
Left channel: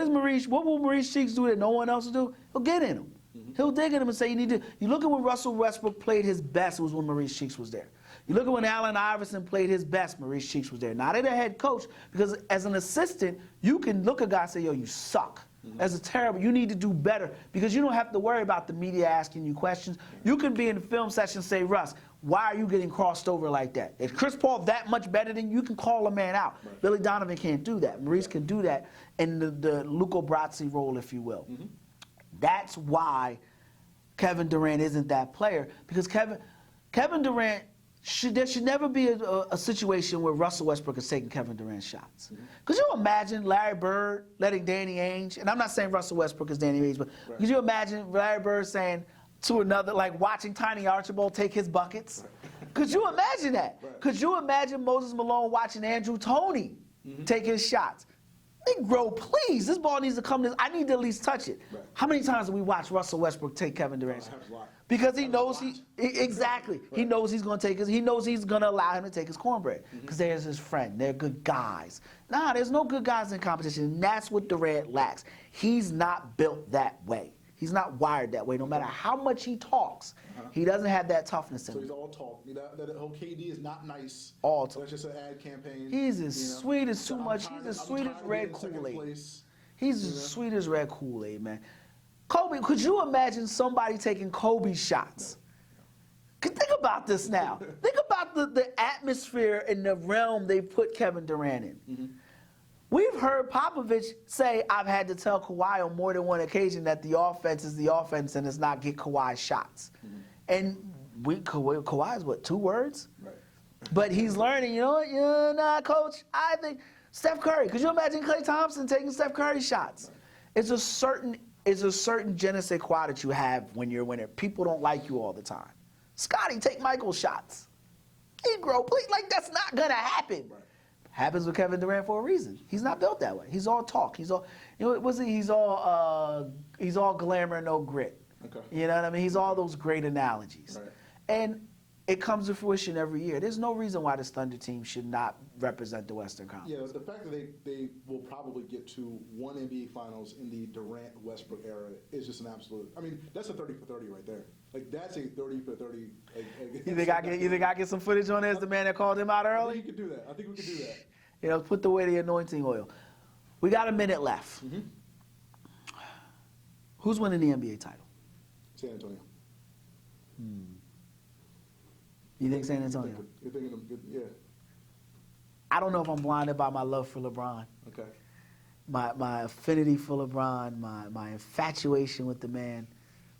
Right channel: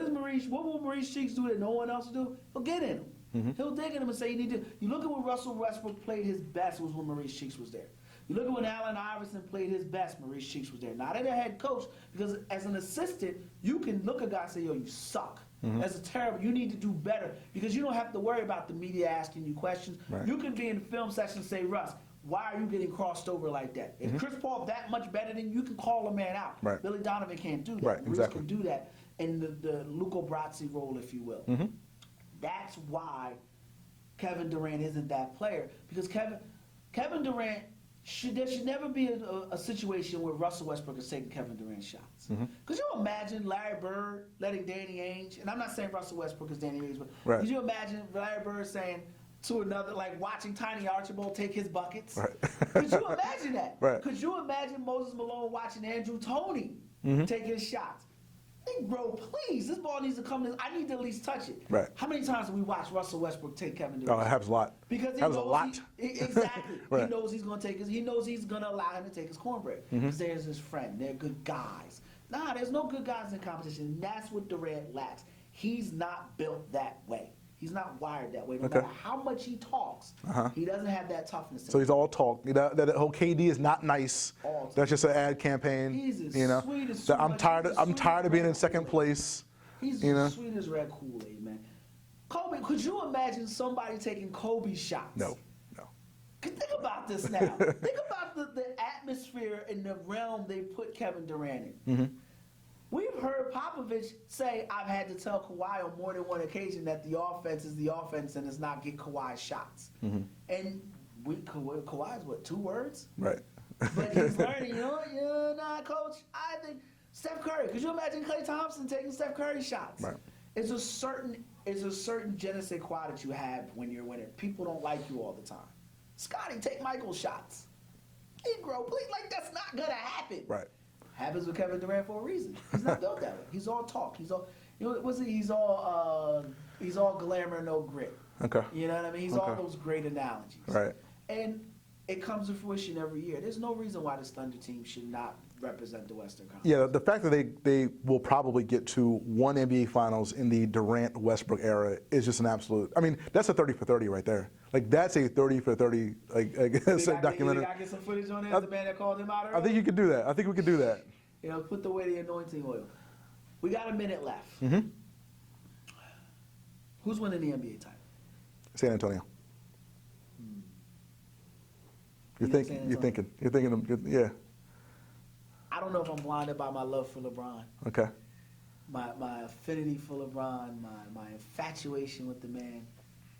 will Maurice Cheeks do that no one else will do? He'll get in him. He'll dig in him and say, you need to. You look at when Russell Westbrook played his best, it was when Maurice Cheeks was there. You look at when Allen Iverson played his best, Maurice Cheeks was there. Not as a head coach, because as an assistant, you can look at a guy and say, yo, you suck. That's terrible. You need to do better, because you don't have to worry about the media asking you questions. Right. You can be in the film session and say, Russ, why are you getting crossed over like that? If Chris Paul that much better than you, can call a man out. Right. Billy Donovan can't do that. Right, Maurice exactly. can do that in the Luca Brasi role, if you will. That's why Kevin Durant isn't that player, because Kevin Durant, there should never be a situation where Russell Westbrook is taking Kevin Durant shots. Could you imagine Larry Bird letting Danny Ainge, and I'm not saying Russell Westbrook is Danny Ainge, but Right. could you imagine Larry Bird saying to another, like watching Tiny Archibald take his buckets? Right. Could you imagine that? Right. Could you imagine Moses Malone watching Andrew Toney take his shots? Negro, please, this ball needs to come this. I need to at least touch it. Right. How many times do we watch Russell Westbrook take Kevin Durant? Oh, it happens a lot. Because he Happens a knows lot. exactly. He Right. knows he's going to take his. He knows he's going to allow him to take his cornbread because there's his friend. They're good guys. Nah, there's no good guys in competition. And that's what Durant lacks. He's not built that way. He's not wired that way. No matter how much he talks, he doesn't have that toughness. So he's all talk. You know, that whole KD is not nice. All talk. That's just an ad campaign. He's as you know? sweet as So too I'm much. tired. He's as I'm sweet tired as of being red in second Kool-Aid. place. He's you know? as sweet as red Kool-Aid, man. Kobe, could you imagine somebody taking Kobe's shots? No, no. Think about this now. Think about the atmosphere and the realm they put Kevin Durant in. We've heard Popovich say, I've had to tell Kawhi on more than one occasion that the offense is the offense and it's not get Kawhi shots. And Kawhi is what, 2 words? Right. But he's learning, you know what? Yeah, nah, coach, I think Steph Curry. Could you imagine Klay Thompson taking Steph Curry shots? Right. It's a certain je ne sais quoi that you have when you're a winner. People don't like you all the time. Scotty, take Michael's shots. Negro, please, like that's not gonna happen. Right. Happens with Kevin Durant for a reason. He's not built that way. He's all talk. He's all, you know, he's all glamour, no grit. Okay. You know what I mean? He's all Okay. those great analogies. Right. And it comes to fruition every year. There's no reason why this Thunder team should not represent the Western Conference. Yeah, the fact that they will probably get to one NBA Finals in the Durant Westbrook era is just an absolute. I mean, that's a 30 for 30 right there. Like that's a 30 for 30. Like You think I get some footage on there as the man that called him out early? I think you could do that. I think we could do that. You know, put away the anointing oil. We got a minute left. Who's winning the NBA title? San Antonio. You think San Antonio? You're thinking. Yeah. I don't know if I'm blinded by my love for LeBron, Okay. my affinity for LeBron, my infatuation with the man,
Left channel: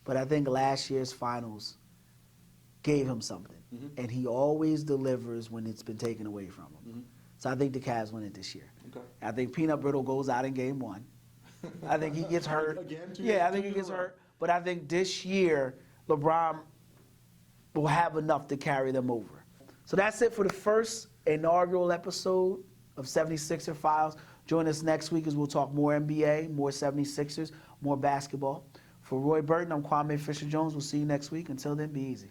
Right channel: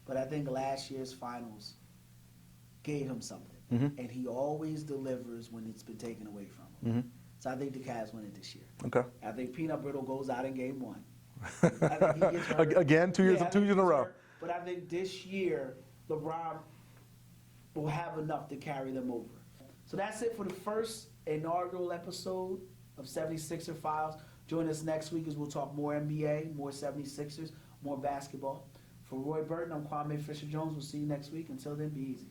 but I think last year's finals gave him something, and he always delivers when it's been taken away from him. So I think the Cavs win it this year. Okay. I think Peanut Brittle goes out in game 1. I think he gets hurt. Again, 2 years, I think 2 he years in a gets row. hurt, but I think this year, LeBron will have enough to carry them over. So that's it for the first inaugural episode of 76er Files. Join us next week as we'll talk more NBA, more 76ers, more basketball. For Roy Burton, I'm Kwame Fisher-Jones. We'll see you next week. Until then, be easy.